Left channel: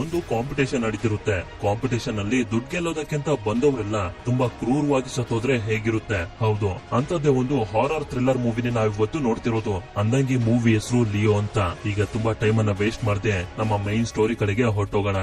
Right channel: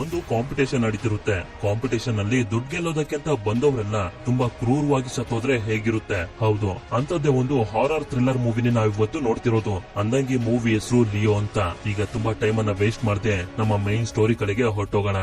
ಒಂದು competition ನಡೀತಿರುತ್ತೆ. Competition ಅಲ್ಲಿ ದುಡ್ಡು ಗೆಲ್ಲೋದಕ್ಕಿಂತ ಬಂದವರೆಲ್ಲ ತುಂಬಾ ಕ್ರೂರವಾಗಿ ಸತ್ತೋದ್ರೆ ಹೇಗಿರುತ್ತೆ? ಹೌದು. ಅಂತದ್ದೇ ಒಂದು ಹಾರರ್ ಥ್ರಿಲ್ಲರ್ ಮೂವಿನ ನಾವ್ ಇವತ್ತು ನೋಡ್ತಿರೋದು. ಅಂದಂಗೆ ಮೂವಿ ಹೆಸರು ಲಿಯೋ ಅಂತ. ಈಗ ತುಂಬಾ ಟೈಮ್ ಅನ್ನ ವೇಸ್ಟ್ ಮಾಡದೆ ನಮ್ಮ ಮೈನ್ ಸ್ಟೋರಿ ಕಡೆಗೆ ಹೊರಟೋಗೋಣ.